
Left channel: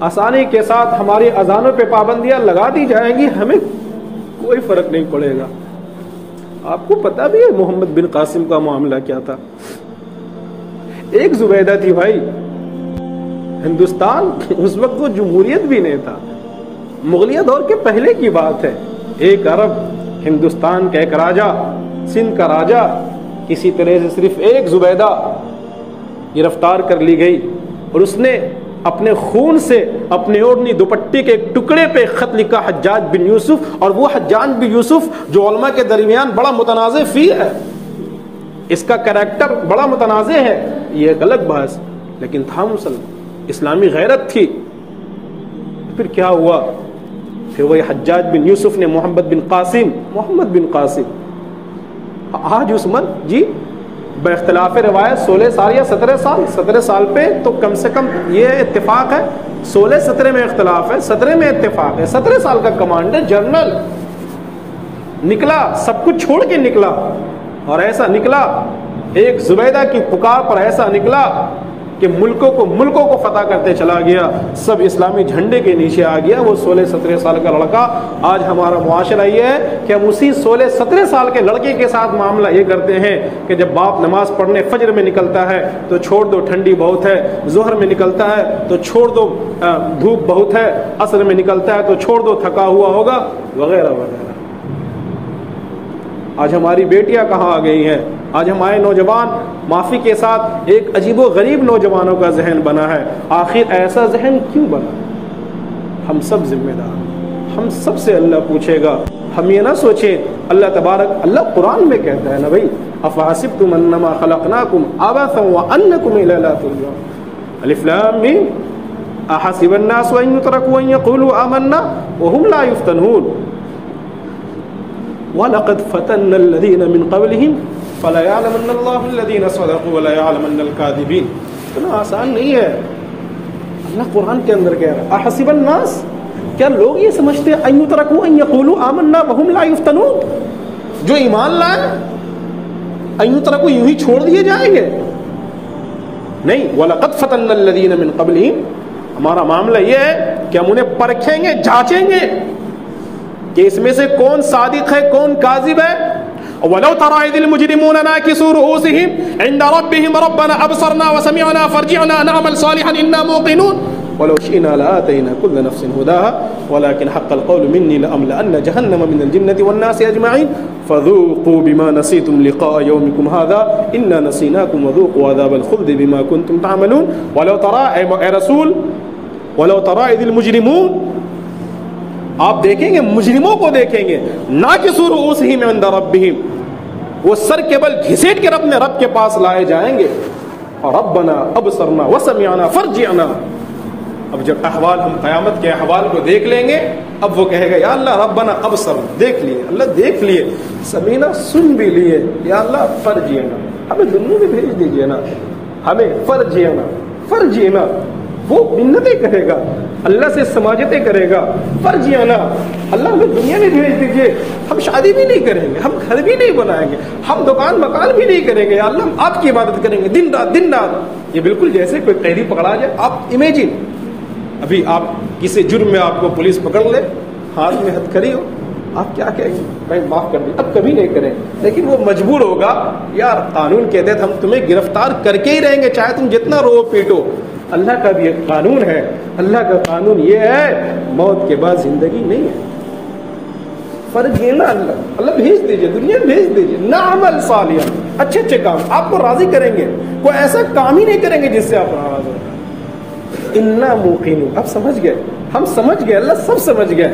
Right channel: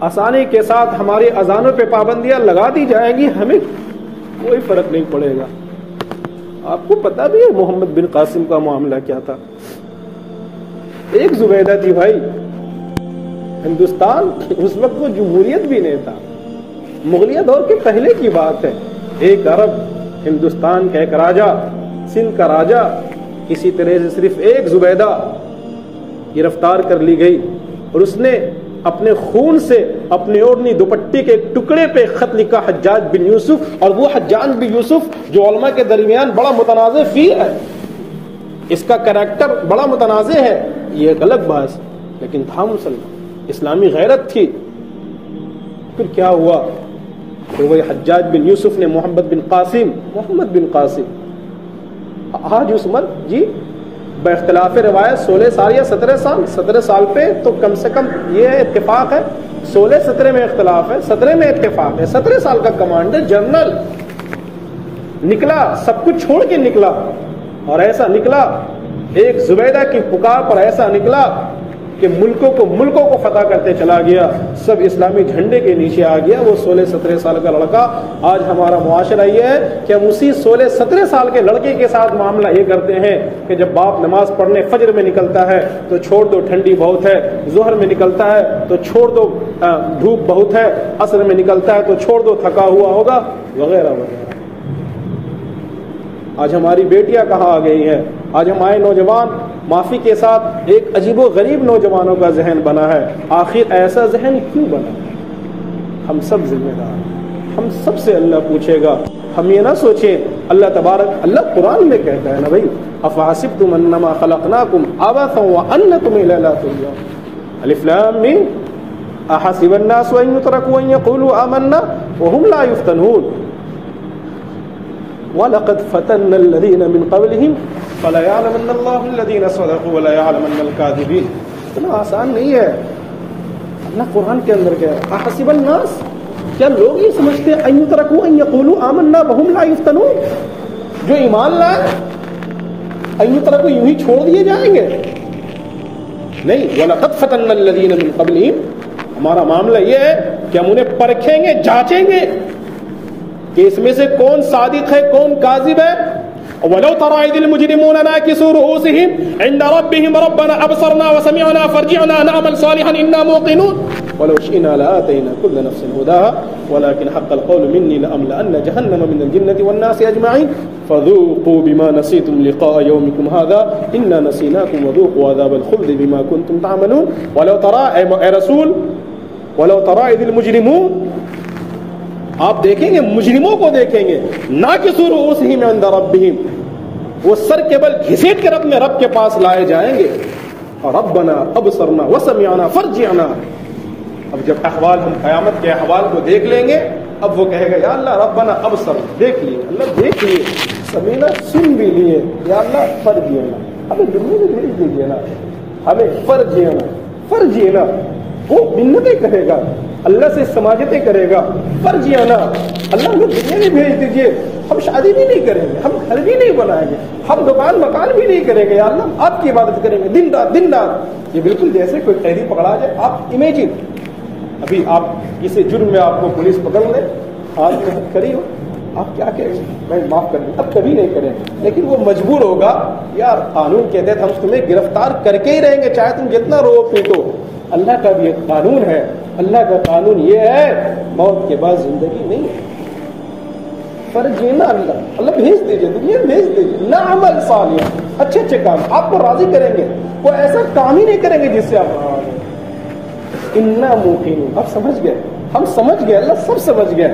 آسانی کے ساتھ ہماری اذانوں پہ پابندیاں لگا دی جائیں گی, ہمیں کوئی فرق نہیں پڑے گا. آپ کو پتا بھی ہے محمد بن قاسم کا معاملہ کیا تھا. ایک زبیدہ تھی بھائی, ہندوستان اس وقت وہ جمہوریت بھی نہیں تھا, مغلیہ دور کے پہلے کی بات ہے. ایک عرب, ہندوستان کا ایک راجا, سندھ کا راجا, کسی طرح سے صرف ایک زبیدہ گرفتار کر لی گئی اور اس نے اپنے خون سے اپنے اوڑھنی دوپٹے کے ایک ٹکڑے پہ خط لکھا حجاج بن یوسف. اور وہ حجاج بن یوسف جو علماء کے درمیان بڑا متنازع فی ہے, اس کا کریکٹر بڑا متنازع ہے, یہ ایک الگ بحث, لیکن تھا مسلمان, اسلامی غیرت تھی. پھر کیا ہوا کہ وہی حجاج بن یوسف نے محمد بن قاسم آج اس مرد جی باختلاف روایت 16 سال یا 17 سال پہ تو کم سے کم یہ اتفاق ہے, 16-17 میں اختلاف ہے, 17 میں اتفاق ہے. 17 سال کا کمانڈر جنرل نکلا, سب کچھ چھوڑ کے نکلا, اور ایسا نکلا ایک زبیدہ کی پکار پر ایسا نکلا کہ ملکوں کو فتح کرتے چلا گیا, سب اسلامی جھنڈے کے نیچے آ گیا. وہ 16-17 سال کا لڑکا. آج ہمارا معاشرہ یہ ہے کہ ہم اسی 16-17 سال کے لڑکے کے ساتھ معاملہ یہ کرتے ہیں کہ جب باپ نماز پڑھنے فجر میں نکلتا ہے تو چھوڑ دو ٹھنڈی بہت ہے, ظہر میں نکلتا ہے تو چھوڑ دو دھوپ بہت ہے, عصر میں نکلتا ہے تو چھوڑ دو تھکا ہوا ہوگا, وغیرہ وغیرہ. آج ہماری بیٹیاں کہاں آ گئی ہیں, آج ہمارے نوجوان معافی کے ساتھ ایک عجیب و غریب نوجوانوں کا ذہن بنا ہے. آخر ایسا ذہن کیوں بنا؟ ہم سب ذمہ دار, ہم سب سے اللہ پوچھے گا. ہم یہ نہ سوچیں, اللہ قرآن میں کہتا ہے نا بھائی, افحسبتم انما خلقناکم عبثا وانکم الینا لا ترجعون. الف لام میم احسب الناس ان يتركوا ان يقولوا آمنا وهم لا يفتنون وَلَقَدْ فَتَنَّ الَّذِينَ مِنْ قَبْلِهِمْ فَلَيَعْلَمَنَّ اللَّهُ الَّذِينَ صَدَقُوا وَلَيَعْلَمَنَّ الْكَاذِبِينَ. اتنا آسان نہیں ہے. اللہ قرآن کے اندر کہہ رہا احسب الناس، کیا لوگ یہ سمجھتے ہیں ان یترکوا ان یقولوا آمنا وهم لا یفتنون، جو ایمان لائے ان یترکوا یوں ہی چھوڑ دیے جائیں گے؟ نہیں. وَلَقَدْ فَتَنَّا الَّذِينَ مِن قَبْلِهِمْ، ہمارا معاملہ یہ ہے کہ ہم انہیں پرکھیں گے، جانچیں گے کہ اس میں سے کون صادق ہے کون کاذب ہے. وَلَوْ تَرَىٰ إِذِ الْمُجْرِمُونَ نَاكِسُو رُءُوسِهِمْ عِندَ رَبِّهِمْ رَبَّنَا أَبْصَرْنَا وَسَمِعْنَا فَارْجِعْنَا نَعْمَلْ صَالِحًا إِنَّا مُوقِنُونَ وَلَوْ شِئْنَا لَآتَيْنَا كُلَّ نَفْسٍ هُدَاهَا وَلَٰكِنْ حَقَّ الْقَوْلُ مِنِّي لَأَمْلَأَنَّ جَهَنَّمَ مِنَ الْجِنَّةِ وَالنَّاسِ أَجْمَعِينَ فَذُوقُوا بِمَا نَسِيتُمْ لِقَاءَ يَوْمِكُمْ هَٰذَا إِنَّا نَسِينَاكُمْ وَذُوقُوا عَذَابَ الْخُلْدِ بِمَا كُنتُمْ تَعْمَلُونَ. وَلَوْ تَرَىٰ اے رسول وَلَوْ تَرَىٰ إِذِ الْمُجْرِمُونَ، آپ دیکھیں گے مجرموں کو دیکھیں گے، نَاكِسُو رُءُوسِهِمْ عِندَ رَبِّهِمْ، وہ سر کے بل گھسیٹ کر اپنے رب کے پاس لائے جائیں گے. اور ربنا ابصرنا وسمعنا فرجعنا. اب جب احوال ہم قیامت کے احوال کو دیکھ لیں گے، اب وہ کہے گا یا اللہ ربنا ابصرنا، دیکھ لیے اللہ دیکھ لیے، سمینا سن بھی لیے، یا اللہ فرجعنا، ہمیں دنیا میں بھیج دیجیے نا، ہمیں فرجعنا. وہ منتیں کرے گا، اللہ سے سماجتیں کرے گا، فرجعنا، اللہ ہمیں دنیا میں بھیج دیجیے، ہم شادی بھی نہیں کریں گے، ہم گھر بھی نہیں بنائیں گے، ہم دکان مکان بھی نہیں کریں گے، یا اللہ ہم آپ کی عبادت کریں گے دن رات. یہ بالکل جیسے کوئی قیدی پکڑا جائے. آپ امیجن ابھی آپ کسی جرم میں آپ کو پولیس پکڑ لے، ہاتھ میں ہتھ کھڑی ہو، آپ کیا کہیں گے؟ میں معاف کر دوں، اب کبھی نہیں کریں گے. لیکن وہ مجبور ہوگا، یار قانون کے تحت ہم تمہیں گرفتار کر کے ہی رہیں گے، چاہے تم جتنا رو پیٹو. اللہ کا بھی ایک قانون ہے، اللہ کا قانون یہ ہے موت کے بعد زندگی نہیں ہے. فرض یہ نا اللہ بھیج دیجیے، دنیا بھیج دیجیے، نعمل صالحا، اچھے اچھے کام آپ کو راضی کریں گے، کوئی ایسا کام ہی نہیں کریں گے جس سے آپ ناراض ہو. انا موقنون، اب سمجھ گئے، ہم سمجھ گئے، اللہ سب سمجھ گئے.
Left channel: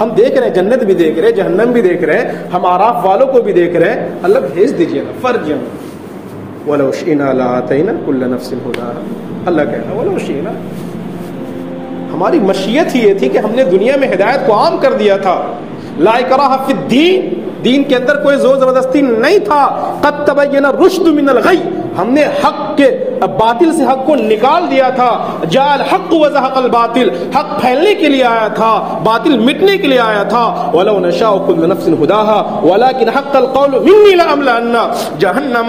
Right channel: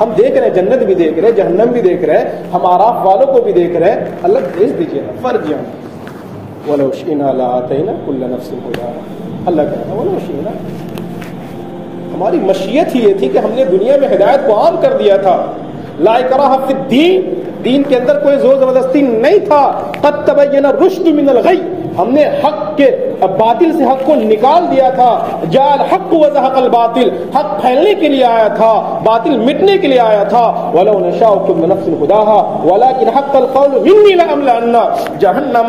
ہم دیکھ رہے ہیں، جنت بھی دیکھ رہے ہیں، جہنم بھی دیکھ رہے ہیں، ہم آراف والوں کو بھی دیکھ رہے ہیں. اللہ بھیج دیجیے فرجعنا ولو شئنا لآتینا کل نفس ہداہا. اللہ کہنا ولو شئنا، ہماری مشیت ہی یہ تھی کہ ہم نے دنیا میں ہدایت کو عام کر دیا تھا. لا اکراہ فی الدین، دین کے اندر کوئی زور زبردستی نہیں تھا. قد تبین الرشد من الغی، ہم نے حق کے باطل سے حق کو نکال دیا تھا. جاء الحق وزهق الباطل، حق پھیلنے کے لیے آیا تھا، باطل مٹنے کے لیے آیا تھا. ولو نشاء كل نفس هداها ولكن حق القول مني لأملأن جهنم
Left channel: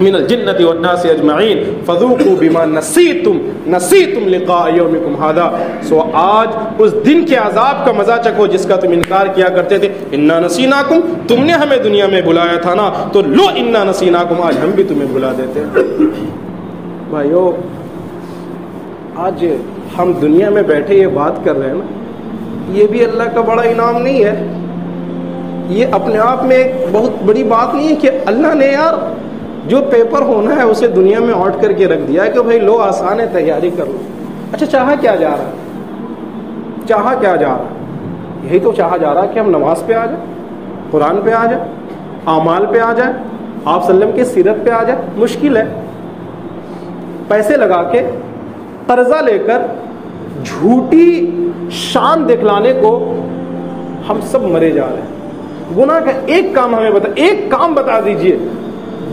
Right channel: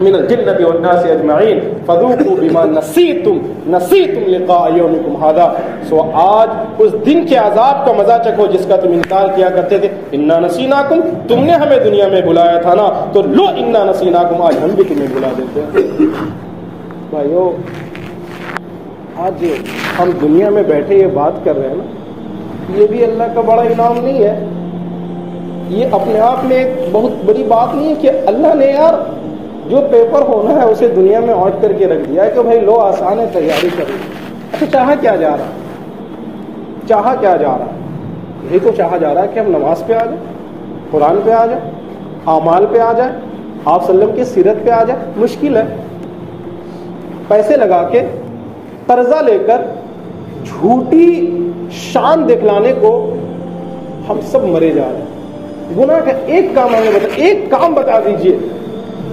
من الجنة والناس اجمعین فذوقوا بما نسیتم لقاء یومکم هذا. سو آج اس دن کے عذاب کا مزہ چکھو جس کا تم انکار کیا کرتے تھے. انا نسیناکم، تم نے ہمیں دنیا میں بلایا تھا نا، تو لو انا نسیناکم، آج ہم بھی تمہیں بلا دیتے ہیں. بھائیو آج ہم دنیا میں بیٹھے یہ بات کر رہے ہیں نا، یہ بھی اللہ کا بڑا انعام نہیں ہے؟ یہ اپنے آپ میں ایک بہت بڑی بات نہیں ہے کہ اللہ نے یار جو پیپر ہونا ہے اسے دنیا میں آٹ کر کے رکھ دیا ہے کہ بھائی لو آسان ہے، تیاری کرو. اچھا چاہا کیا جا رہا؟ یہی تو چاہا جا رہا ہے کہ ہم نماز پہ آ جائیں، قرآن پہ آ جائیں، اعمال پہ آ جائیں، آپ صلی اللہ علیہ وسلم کی سیرت پہ آ جائیں. مشکل ہے. پیسے لگا کے قرضہ لے کر جھوٹی شان دکھلانے کو ہم سب مرے جا رہے ہیں. گناہ کا ایک کام ہمیں ایک کام بتا دیجئے،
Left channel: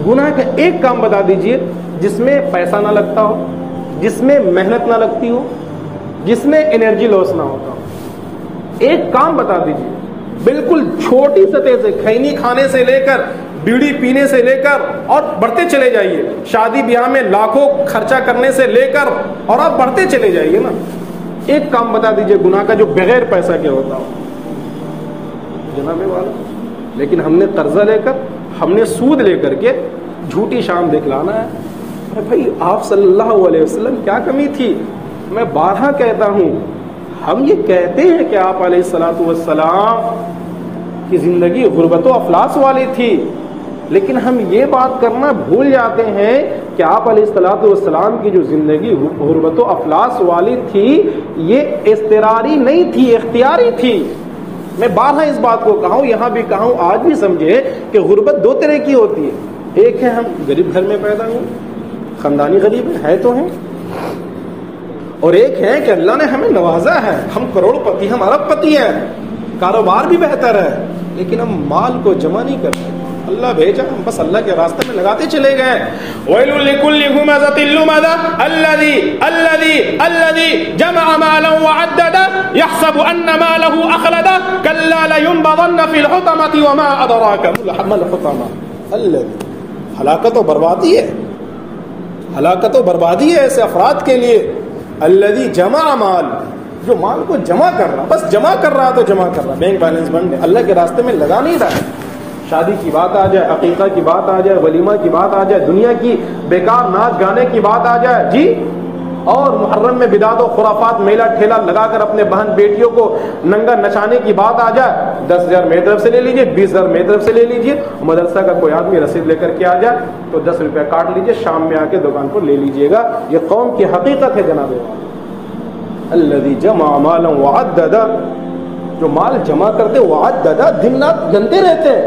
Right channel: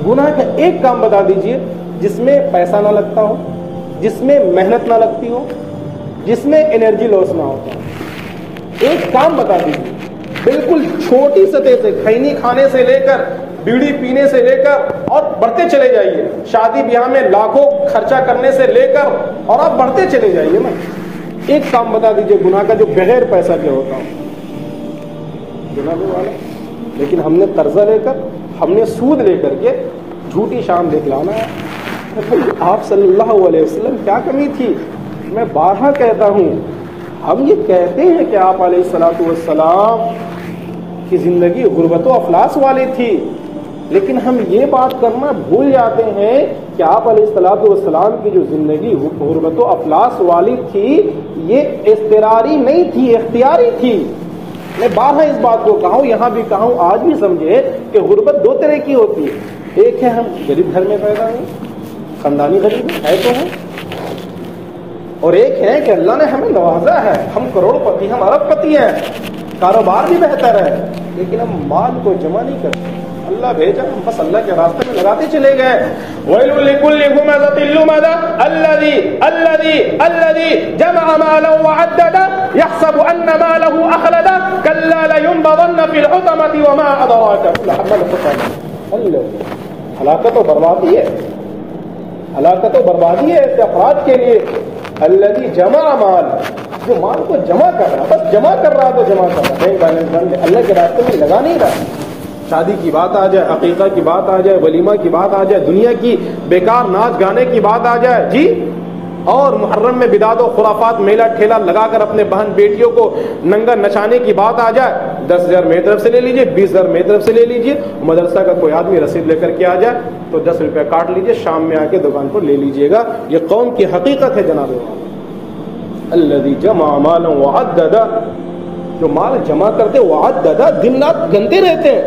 گناہ کا ایک کام بتا دیجئے جس میں پیسہ نہ لگتا ہو، جس میں محنت نہ لگتی ہو، جس میں انرجی لاس نہ ہوتا ہو. ایک کام بتا دیجئے، بالکل چھوٹی سطح سے، کھینے کھانے سے لے کر، بیڑی پینے سے لے کر، اور بڑھتے چلے جائیے، شادی بیاہ میں لاکھوں خرچہ کرنے سے لے کر، اور آپ بڑھتے چلے جائیے نا. ایک کام بتا دیجئے گناہ کا جو بغیر پیسہ کے ہوتا ہے. جناب والا، لیکن ہم نے قرضہ لے کر، ہم نے سود لے کر کے جھوٹی شان دکھلانا ہے. آپ صلی اللہ علیہ وسلم کیا کمی تھی؟ میں بارہا کہتا ہوں، ہم یہ کہتے ہیں کہ آپ علیہ الصلوۃ والسلام کی زندگی غربت و افلاس والی تھی، لیکن ہم یہ بات کرنا بھول جاتے ہیں کہ آپ علیہ الصلوۃ والسلام کی جو زندگی غربت و افلاس والی تھی یہ اضطراری نہیں تھی، اختیاری تھی. میں بارہا اس بات کو کہا ہوں، یہاں بھی کہا ہوں، آج بھی سمجھے کہ غربت دو طرح کی ہوتی ہے. ایک ہے ہم غریب گھر میں پیدا ہوئے، خاندانی غریب ہے تو ہیں، اور ایک ہے کہ اللہ نے ہمیں نوازا ہے، ہم کروڑ پتی، ہم ارب پتی ہیں، کاروبار بھی بہتر ہے، لیکن ہم مال کو جمع نہیں کرتے. اللہ بھیجا, بس اللہ کے راستے میں لگاتے چلے گئے. وَيْلٌ لِكُلِّ هُمَزَةٍ لُمَزَةٍ الَّذِي جَمَعَ مَالًا وَعَدَّدَهُ يَحْسَبُ أَنَّ مَالَهُ أَخْلَدَهُ كَلَّا لَيُنبَذَنَّ فِي الْحُطَمَةِ وَمَا أَدْرَاكَ مَا الْحُطَمَةُ. ہلاکت و بربادی ہے, ہلاکت و بربادی ہے ایسے افراد کے لیے. الذی جمع مال, جو مال کو جمع کر رہا, بس جمع کر رہا تو جمع کر رہا, بینک بیلنس بند ہے, اللہ کے راستے میں لگا نہیں رہا. شادی کی بات آ جائے, عقیقہ کی بات آ جائے, ولیمہ کی بات آ جائے, دنیا کی بیکار ناچ گانے کی بات آ جائے جی, اور محرم میں بدعت و خرافات میلہ ٹھیلا لگا کر اپنے بہن بیٹیوں کو ننگا نچانے کی بات آ جائے, 10,000 میری طرف سے لے لیجیے, 20,000 میری طرف سے لے لیجیے. مدرسہ کا کوئی آدمی رسید لے کر کے آ جائے تو 10 روپے کاٹ لیجیے, شام میں آ کے دکان پر لے لیجیے گا. یہ قوم کی حقیقت ہے جناب. الذی جمع مالا وعددا, جو مال جمع کرتے وعددا, دن رات گنتے رہتے ہیں.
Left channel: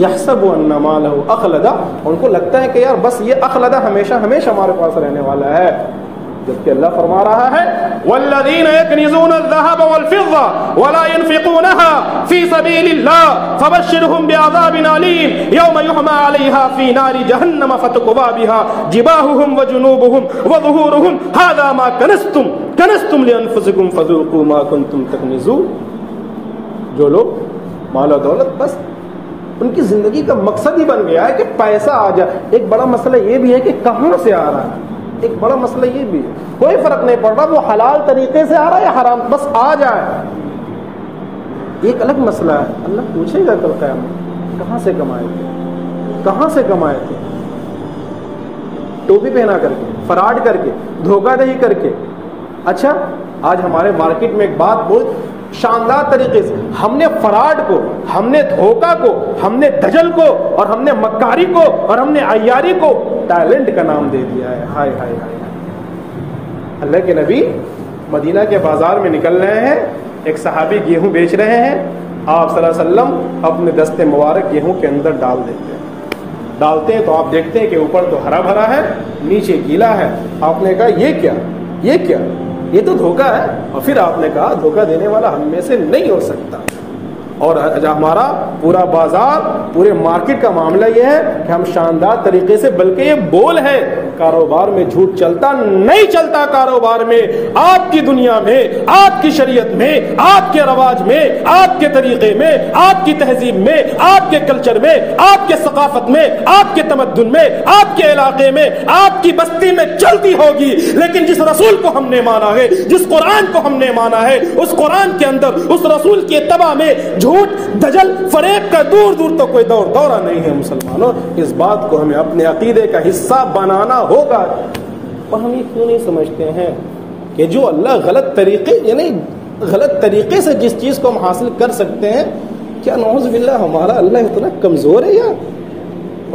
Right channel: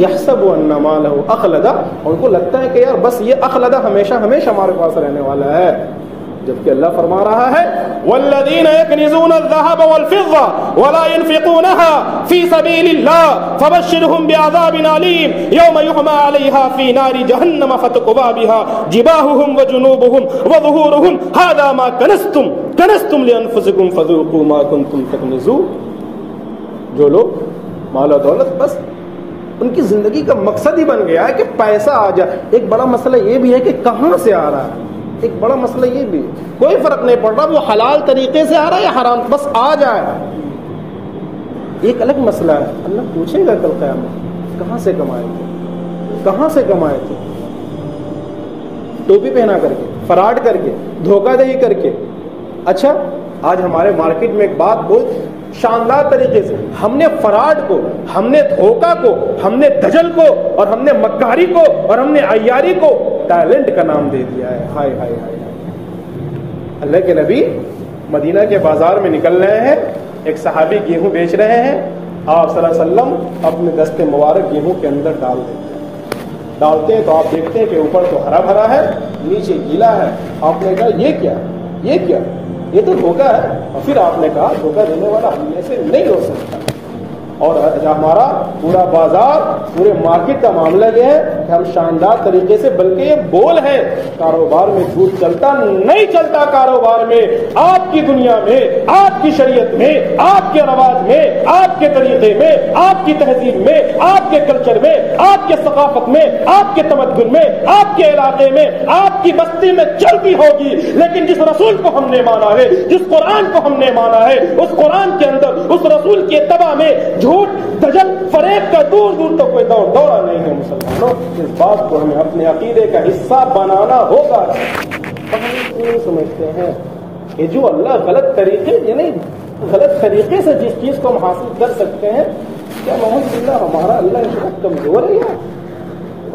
یحسب ان مالہ اخلدا, ان کو لگتا ہے کہ یار بس یہ اخلدا ہمیشہ ہمیشہ ہمارے پاس رہنے والا ہے, جبکہ اللہ فرما رہا ہے والذین یکنزون الذهب والفضة ولا ينفقونها في سبيل الله فبشرهم بعذاب أليم يوم يحمى عليها في نار جهنم فتقوى بها جباههم وجنوبهم وظهورهم هذا ما كنزتم لأنفسكم فذوقوا ما كنتم تكنزون. جو لوگ مال و دولت بس ان کی زندگی کا مقصد ہی بن گیا ہے کہ پیسہ آ جائے. ایک بڑا مسئلہ یہ بھی ہے کہ کہاں سے آ رہا ہے, ایک بڑا مسئلہ یہ بھی ہے, کوئی فرق نہیں پڑ رہا وہ حلال طریقے سے آ رہا ہے یا حرام, بس آ جائے. ایک الگ مسئلہ ہے, اللہ پوچھے گا کل قیامت کہاں سے کمائے تھے, کہاں سے کمائے تھے, ٹوپی پہنا کر کے, فراڈ کر کے, دھوکہ دہی کر کے. اچھا آج ہمارے مارکیٹ میں ایک بات بہت شاندار طریقے سے, ہم نے فراڈ کو, ہم نے دھوکہ کو, ہم نے دجل کو, اور ہم نے مکاری کو, اور ہم نے عیاری کو ٹیلنٹ کا نام دے دیا ہے. ہائے ہائے ہائے. اللہ کے نبی مدینہ کے بازار میں نکل رہے ہیں, ایک صحابی گیہوں بیچ رہے ہیں, آپ صلی اللہ علیہ وسلم اپنے دستے مبارک گیہوں کے اندر ڈال دیتے ہیں. ڈالتے ہیں تو آپ دیکھتے ہیں کہ اوپر تو ہرا بھرا ہے, نیچے گیلا ہے. آپ نے کہا یہ کیا, یہ کیا, یہ تو دھوکہ ہے. اور پھر آپ نے کہا دھوکہ دینے والا ہم میں سے نہیں ہو سکتا. اور ہمارا پورا بازار, پورے مارکیٹ کا معاملہ یہ ہے کہ ہم شاندار طریقے سے, بلکہ یہ بول ہے کاروبار میں جھوٹ چلتا نہیں چلتا. کاروبار میں, آپ کی دنیا میں, آپ کی شریعت میں, آپ کے رواج میں, آپ کے طریقے میں, آپ کی تہذیب میں, آپ کے کلچر میں, آپ کے ثقافت میں, آپ کے تمدن میں, آپ کے علاقے میں, آپ کی بستی میں چلتی ہوگی. لیکن جس رسول کو ہم نے مانا ہے, جس قرآن کو ہم نے مانا ہے, اس قرآن کے اندر, اس رسول کے اتباع میں جھوٹ, دجل, فریب کا دور دور تو کوئی دورہ نہیں ہے. مسلمانوں, اس بات کو ہمیں اپنے عقیدے کا حصہ بنانا ہوگا. ہم کیوں سمجھتے ہیں کہ جو اللہ غلط طریقے, یعنی غلط طریقے سے جس چیز کو ہم حاصل کر سکتے ہیں, کیا نعوذ باللہ ہمارا اللہ اتنا کمزور ہے یار,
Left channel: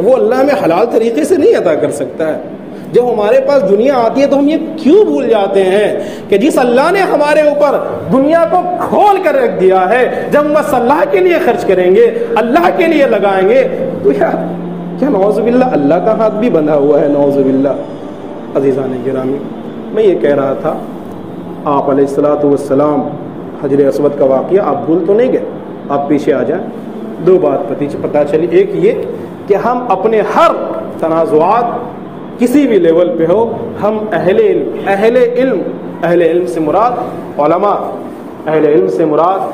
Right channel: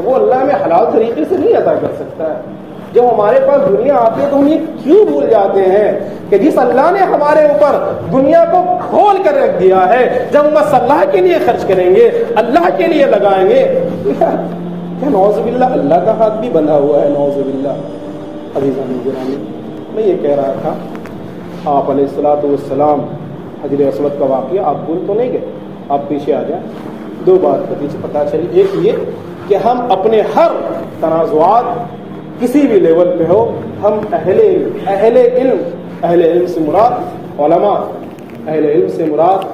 وہ اللہ ہمیں حلال طریقے سے نہیں عطا کر سکتا ہے. جب ہمارے پاس دنیا آتی ہے تو ہم یہ کیوں بھول جاتے ہیں کہ جس اللہ نے ہمارے اوپر دنیا کو کھول کر رکھ دیا ہے, جب ہم بس اللہ کے لیے خرچ کریں گے, اللہ کے لیے لگائیں گے, تو نعوذ باللہ اللہ کا ہاتھ بھی بندھا ہوا ہے. نعوذ باللہ. عزیزان گرامی, میں یہ کہہ رہا تھا, آپ علیہ الصلوۃ والسلام حجر اسود کا واقعہ آپ بھول تو نہیں گئے. آپ پیچھے آ جائیں, دو بات پتہ چلی. ایک یہ کہ ہم اپنے ہر تنازعات کسی بھی لیول پہ ہو, ہم اہل علم سے مراد علماء, اہل علم سے مراد,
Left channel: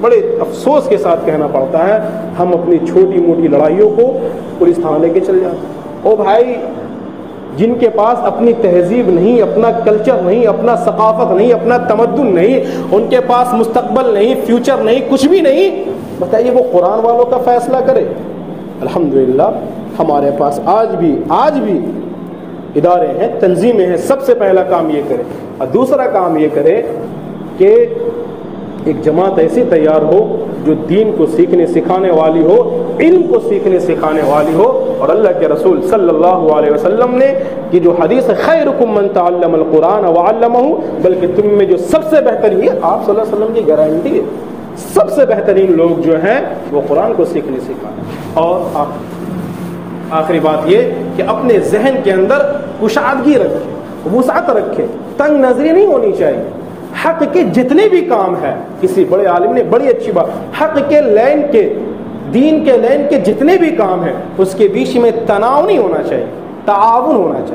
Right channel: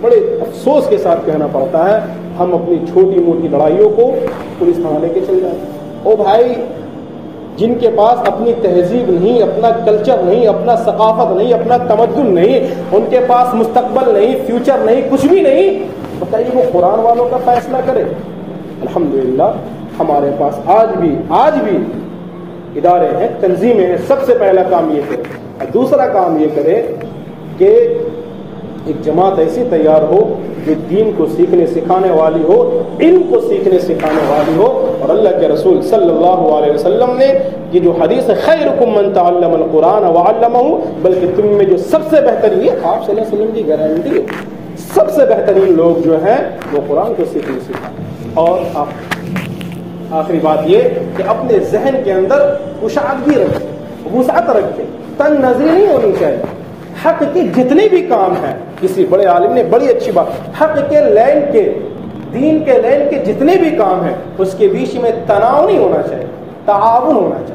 بڑے افسوس کے ساتھ کہنا پڑتا ہے, ہم اپنی چھوٹی موٹی لڑائیوں کو پولیس تھانے لے کے چل جاتے ہیں. او بھائی, جن کے پاس اپنی تہذیب نہیں, اپنا کلچر نہیں, اپنا ثقافت نہیں, اپنا تمدن نہیں, ان کے پاس مستقبل نہیں, فیوچر نہیں, کچھ بھی نہیں, بتائیے وہ قرآن والوں کا فیصلہ کرے. الحمدللہ ہمارے پاس آج بھی ادارے ہیں, تنظیمیں ہیں. سب سے پہلا کام یہ کرے, اور دوسرا کام یہ کرے کہ ایک جماعت ایسی تیار ہو جو دین کو سیکھنے سکھانے والی ہو, علم کو سیکھنے سکھانے والی ہو. اور اللہ کے رسول صلی اللہ علیہ وسلم نے کہ جو حدیث خیرکم من تعلم القرآن وعلمہ, بلکہ تم میں جو سب سے بہترین, یہ آپ صلی اللہ علیہ وسلم کی گارنٹی ہے, سب سے بہترین لوگ جو ہیں وہ قرآن کو سیکھنے سکھانے. اور آخری بات یہ کہ اپنے ذہن کے اندر کشادگی رکھے, وسعت رکھے, تنگ نظری نہیں ہونی چاہیے. حق کے جتنے بھی کام ہیں, کسی بڑے عالم نے بڑی اچھی بات, حق کے لینڈ کے دین کے لین کے جتنے بھی کام ہیں اس کے بیچ میں تناؤ نہیں ہونا چاہیے، تعاون ہونا چاہیے۔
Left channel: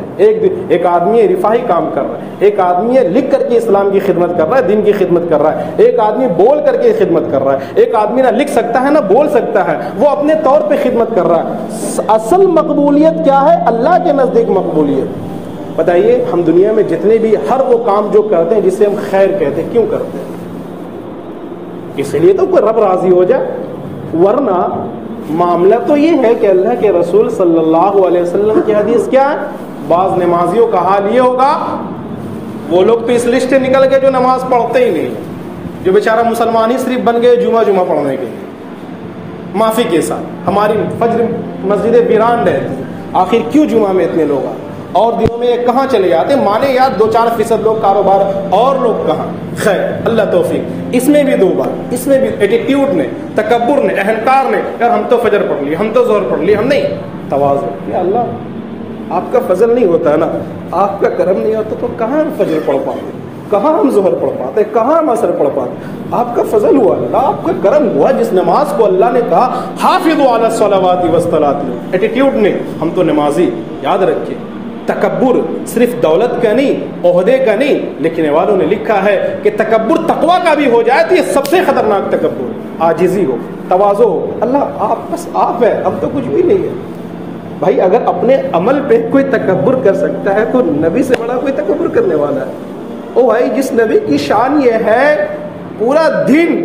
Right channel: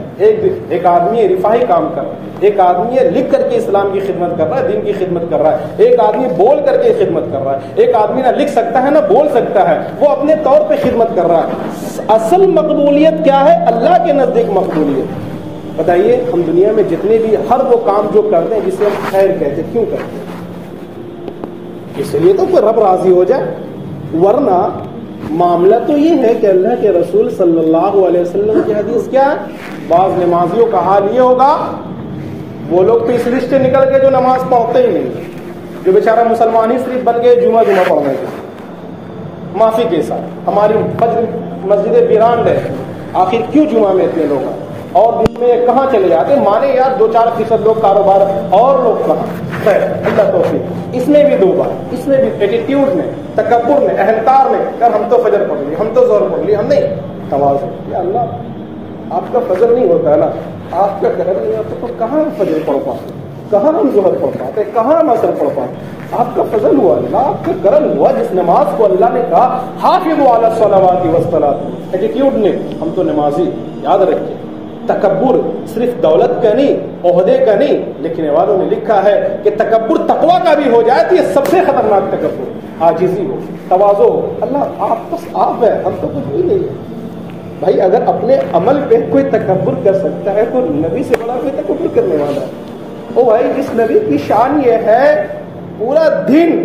ایک آدمی رفاہی کام کر رہا ہے، ایک آدمی لکھ کر کے اسلام کی خدمت کر رہا ہے، دین کی خدمت کر رہا ہے، ایک آدمی بول کر کے خدمت کر رہا ہے، ایک آدمی نہ لکھ سکتا ہے نہ بول سکتا ہے، وہ اپنے طور پہ خدمت کر رہا ہے۔ اصل مقبولیت کیا ہے؟ اللہ کے نزدیک مقبولیت۔ بتائیے ہم دنیا میں جتنے بھی ہر وہ کام جو کرتے ہیں جسے ہم خیر کہتے ہیں، کیوں کرتے ہیں؟ اس لیے تو کوئی رب راضی ہو جائے، ورنہ معاملہ تو یہ ہے کہ اللہ کے رسول صلی اللہ علیہ وسلم کی حدیث کیا ہے؟ بعض نمازیوں کا حال یہ ہوگا، وہ لوگ تو اس لسٹ نکل گئے جو نماز پڑھتے ہی نہیں، جو بیچارہ مسلمان ہی صرف بن گئے جمعہ پڑھنے کے، معافی کے ساتھ ہماری فجر مسجدیں ویران رہے، آخر کیوں جمعہ میں اتنے لوگ اور دنوں میں کہاں چلے جاتے؟ مانے یار 2-4% لوگ کاروبار، اور لوگ کہاں؟ خیر اللہ توفیق۔ اس میں بھی دو بات، اس میں بھی ایٹیٹیوڈ نے، تکبر نے، اہنکار نے، یار ہم تو فجر پڑھ لی، ہم تو ظہر پڑھ لی، ہم نہیں۔ تواضع، یا اللہ آپ کا فضل نہیں ہوتا ہے نا، آپ کا کرم نہیں ہوتا تو کہاں ہم فجر پڑھ پاتے، کہاں ہم ظہر پڑھ پاتے، کہاں ہم عصر پڑھ پاتے؟ آپ کا فضل ہوا اللہ، آپ کا کرم ہوا جس نماز کو اللہ نے کہا حافظوا علی الصلوات والصلاۃ، ایٹیٹیوڈ نے ہم تو نمازی۔ یاد رکھیں تکبر صرف دولت کا نہیں، عہدے کا نہیں، لکھنے والوں نے لکھا ہے کہ تکبر تقویٰ کا بھی ہو جائے تو یہ سب سے خطرناک تکبر، عاجزی ہو، تواضع ہو۔ اللہ آپ بس آپ ہے، ہم تو کچھ بھی نہیں ہے۔ بھائی اگر اپنے عمل پہ کوئی تکبر کر سکتا ہے تو نبی سے بڑا کوئی تکبر کرنے والا ہے؟ او بھائی جس نبی کی شان یہ ہے پورا دن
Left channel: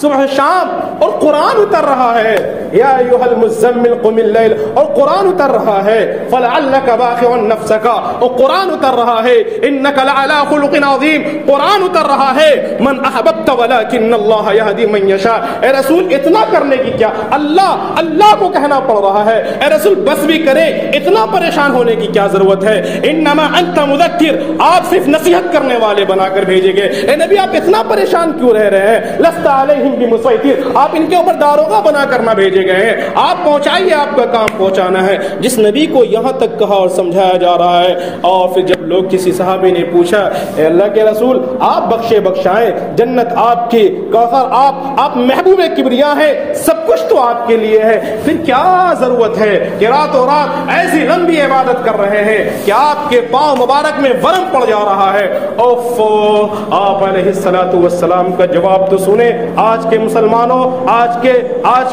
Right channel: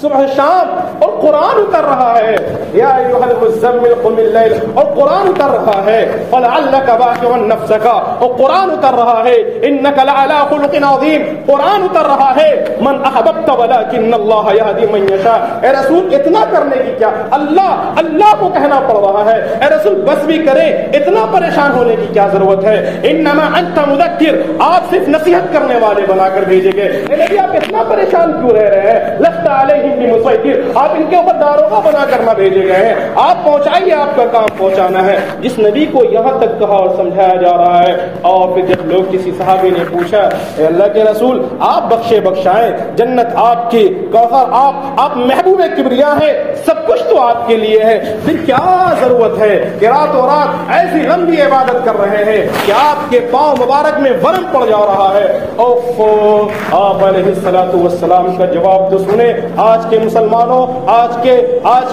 صبح شام اور قرآن اتر رہا ہے، یا ایھا المزمل قم اللیل، اور قرآن اتر رہا ہے، فلعلک باخع نفسک، اور قرآن اتر رہا ہے، انک لعلی خلق عظیم، قرآن اتر رہا ہے، من احببت ولکن اللہ یہدی من یشاء۔ اے رسول اتنا کرنے کی کیا اللہ کو کہنا پڑ رہا ہے؟ اے رسول بس بھی کریں، اتنا پریشان ہونے کی کیا ضرورت ہے؟ انما انت مذکر، آپ صرف نصیحت کرنے والے بنا کر بھیجے گئے۔ اے نبی آپ اتنا پریشان کیوں رہ رہے ہیں؟ لست علیہم بمسیطر، آپ ان کے اوپر داروغہ بنا کر نہ بھیجے گئے ہیں، آپ پہنچائیے، آپ کا کام پہنچانا ہے۔ جس نبی کو یہاں تک کہا اور سمجھایا جا رہا ہے، اور پھر جب لوگ کسی صحابی نے پوچھا اے اللہ کے رسول آپ بخشے بخشائیں، جنت آپ کی، کوثر آپ محبوب کبریا ہیں، سب کچھ تو آپ کے لیے ہے، پھر کیا ضرورت ہے کہ رات و رات ایسی لمبی عبادت کر رہے ہیں کہ آپ کے پاؤں مبارک میں ورم پڑ جا رہا ہے؟ آپ علیہ الصلوۃ والسلام کا جواب تو سنیں۔ آج کے مسلمانوں، آج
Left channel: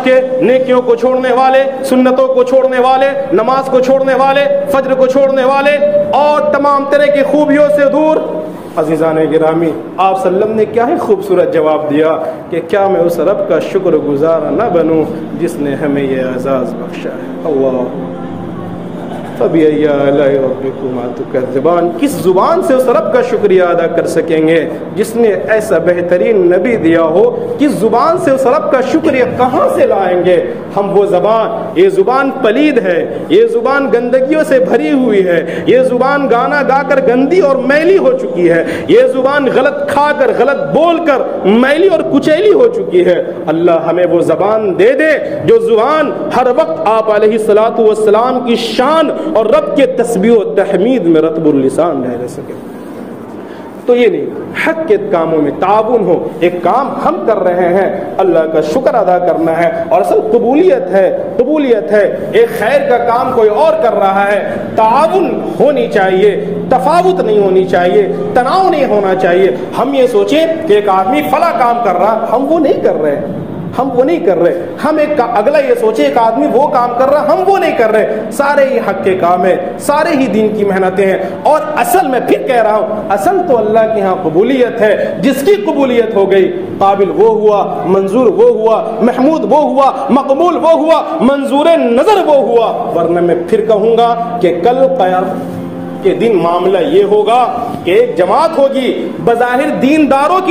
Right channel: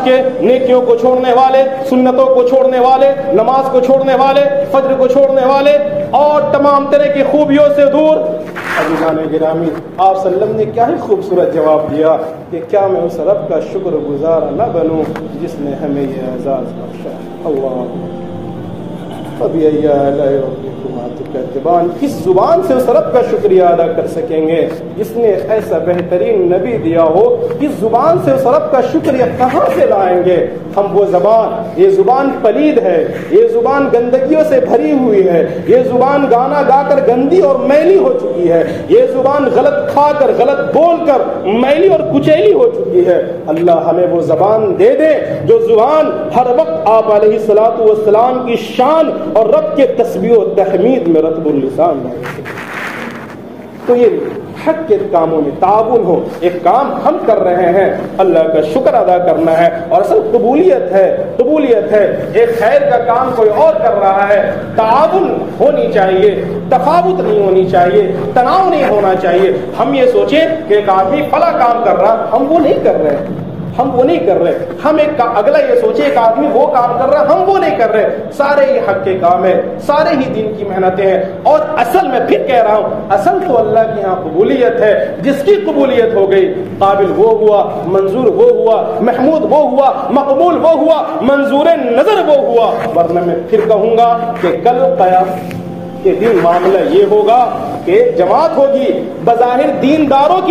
کے نیکیوں کو چھوڑنے والے، سنتوں کو چھوڑنے والے، نماز کو چھوڑنے والے، فجر کو چھوڑنے والے اور تمام طرح کی خوبیوں سے دور، عزیزان گرامی آپ صلی اللہ علیہ وسلم نے کیا ہی خوبصورت جواب دیا کہ کیا میں اس رب کا شکر گزار نہ بنوں جس نے ہمیں یہ اعزاز بخشا ہے؟ اللہ فبأي آلاء ربكما تكذبان، کس زبان سے اس رب کا شکریہ ادا کر سکیں گے جس نے ایسا بہترین نبی دیا ہو؟ کس زبان سے اس رب کا شکریہ کہاں سے لائیں گے ہم؟ وہ زبان، یہ زبان پلید ہے، یہ زبان گندگیوں سے بھری ہوئی ہے، یہ زبان گانا گا کر گندی اور میلی ہو چکی ہے، یہ زبان غلط کھا کر غلط بول کر میلی اور کچیلی ہو چکی ہے۔ اللہ ہمیں وہ زبان دے دے جو زبان ہر وقت آپ علیہ الصلوۃ والسلام کی شان اور رب کے تسبیح و تحمید میں رطب اللسان رہ سکے۔ تو یہ نہیں، حق کے کاموں میں تعاون ہو، ایک کام ہم کر رہے ہیں، اللہ کا شکر ادا کرنا ہے، اور اصل قبولیت ہے ایک خیر کا کام کوئی اور کر رہا ہے، تعاون ہونی چاہیے، تفاوت نہیں ہونی چاہیے، تناؤ نہیں ہونا چاہیے۔ ہم یہ سوچیں کہ ایک آدمی فلاں کام کر رہا، ہم وہ نہیں کر رہے، ہم ایک اگلا یہ سوچے ایک آدمی وہ کام کر رہا، ہم وہ نہیں کر رہے۔ سارے ہی حق کے کام ہیں، سارے ہی دین کی محنتیں ہیں، اور اصل میں پھر کہہ رہا ہوں، اصل تو اللہ کے ہاں قبولیت ہے۔ جس کی قبولیت ہو گئی، قابل وہ ہوا، منظور وہ ہوا، محمود وہ ہوا، مقبول وہ ہوا، منظور نظر وہ ہوا۔ ورنہ میں پھر کہوں گا کہ کل قیامت کے دن معاملہ یہ ہوگا کہ ایک جماعت ہوگی، بظاہر دینداروں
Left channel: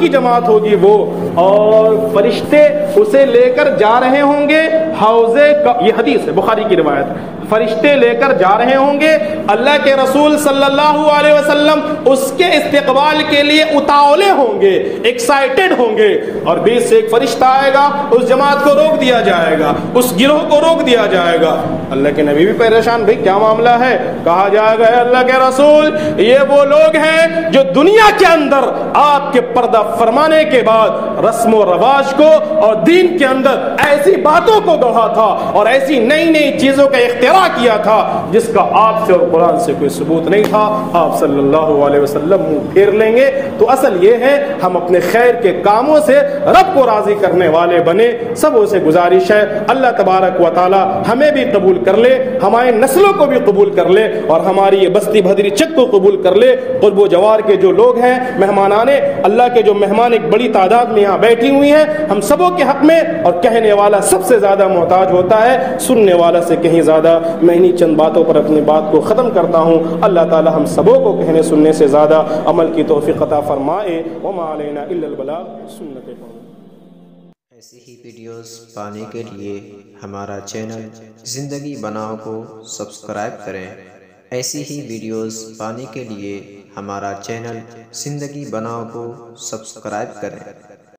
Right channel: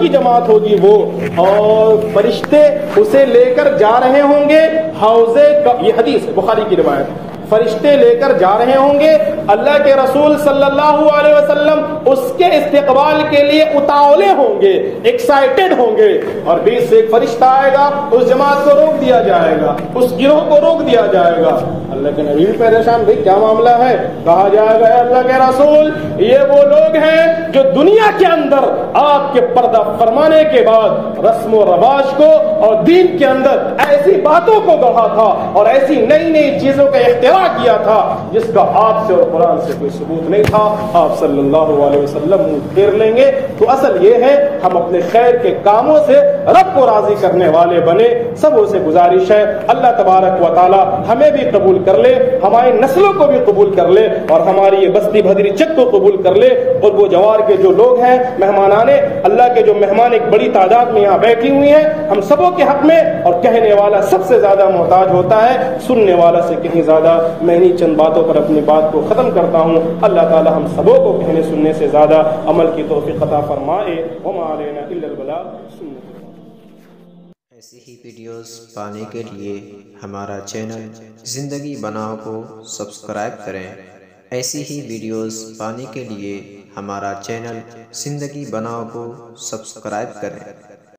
کی جماعت ہوگی وہ، اور فرشتے اسے لے کر جا رہے ہوں گے حوضے کا، یہ حدیث ہے بخاری کی روایت، فرشتے لے کر جا رہے ہوں گے، اللہ کے رسول صلی اللہ علیہ وسلم اس کے استقبال کے لیے اتاولے ہوں گے، ایکسائٹڈ ہوں گے، اور بیچ سے ایک فرشتہ آئے گا، اس جماعت کو روک دیا جائے گا، اس گروہ کو روک دیا جائے گا۔ اللہ کے نبی بھی پریشان، بھئی کیا معاملہ ہے؟ کہا جائے گا اللہ کے رسول یہ وہ لوگ ہیں جو دنیا کے اندر آپ کے پردہ فرمانے کے بعد رسم و رواج کو اور دین کے اندر ایسی باتوں کو گڑھا تھا اور ایسی نئی نئی چیزوں کا اختراع کیا تھا جس کا آپ سے اور قرآن سے کوئی ثبوت نہیں تھا۔ آپ صلی اللہ علیہ وسلم منہ پھیر لیں گے۔ تو اصل یہ ہے ہم اپنے خیر کے کاموں سے رب کو راضی کرنے والے بنے۔ سبوں سے گزارش ہے اللہ تبارک و تعالی ہمیں بھی قبول کر لے، ہماری نسلوں کو بھی قبول کر لے اور ہماری یہ بستی بھدری چک کو قبول کر لے۔ قرب و جوار کے جو لوگ ہیں، مہمانانے اللہ کے جو مہمان ایک بڑی تعداد میں یہاں بیٹھی ہوئی ہیں، ہم سبوں کے حق میں، اور کہنے والا سب سے زیادہ محتاج ہوتا ہے سننے والا سے کہیں زیادہ۔ میں انہی چند باتوں پر اپنی بات کو ختم کرتا ہوں۔ اللہ تعالی ہم سبوں کو کہنے سننے سے زیادہ عمل کی توفیق عطا فرمائے۔ وما علینا الا البلاغ، سنت۔ ایسی ہی ویڈیوز پانے کے لیے ہمارا چینل زندگی بناؤ کو سبسکرائب کریں۔ ایسی ہی ویڈیوز پانے کے لیے ہمارا چینل زندگی بناؤ کو سبسکرائب کریں۔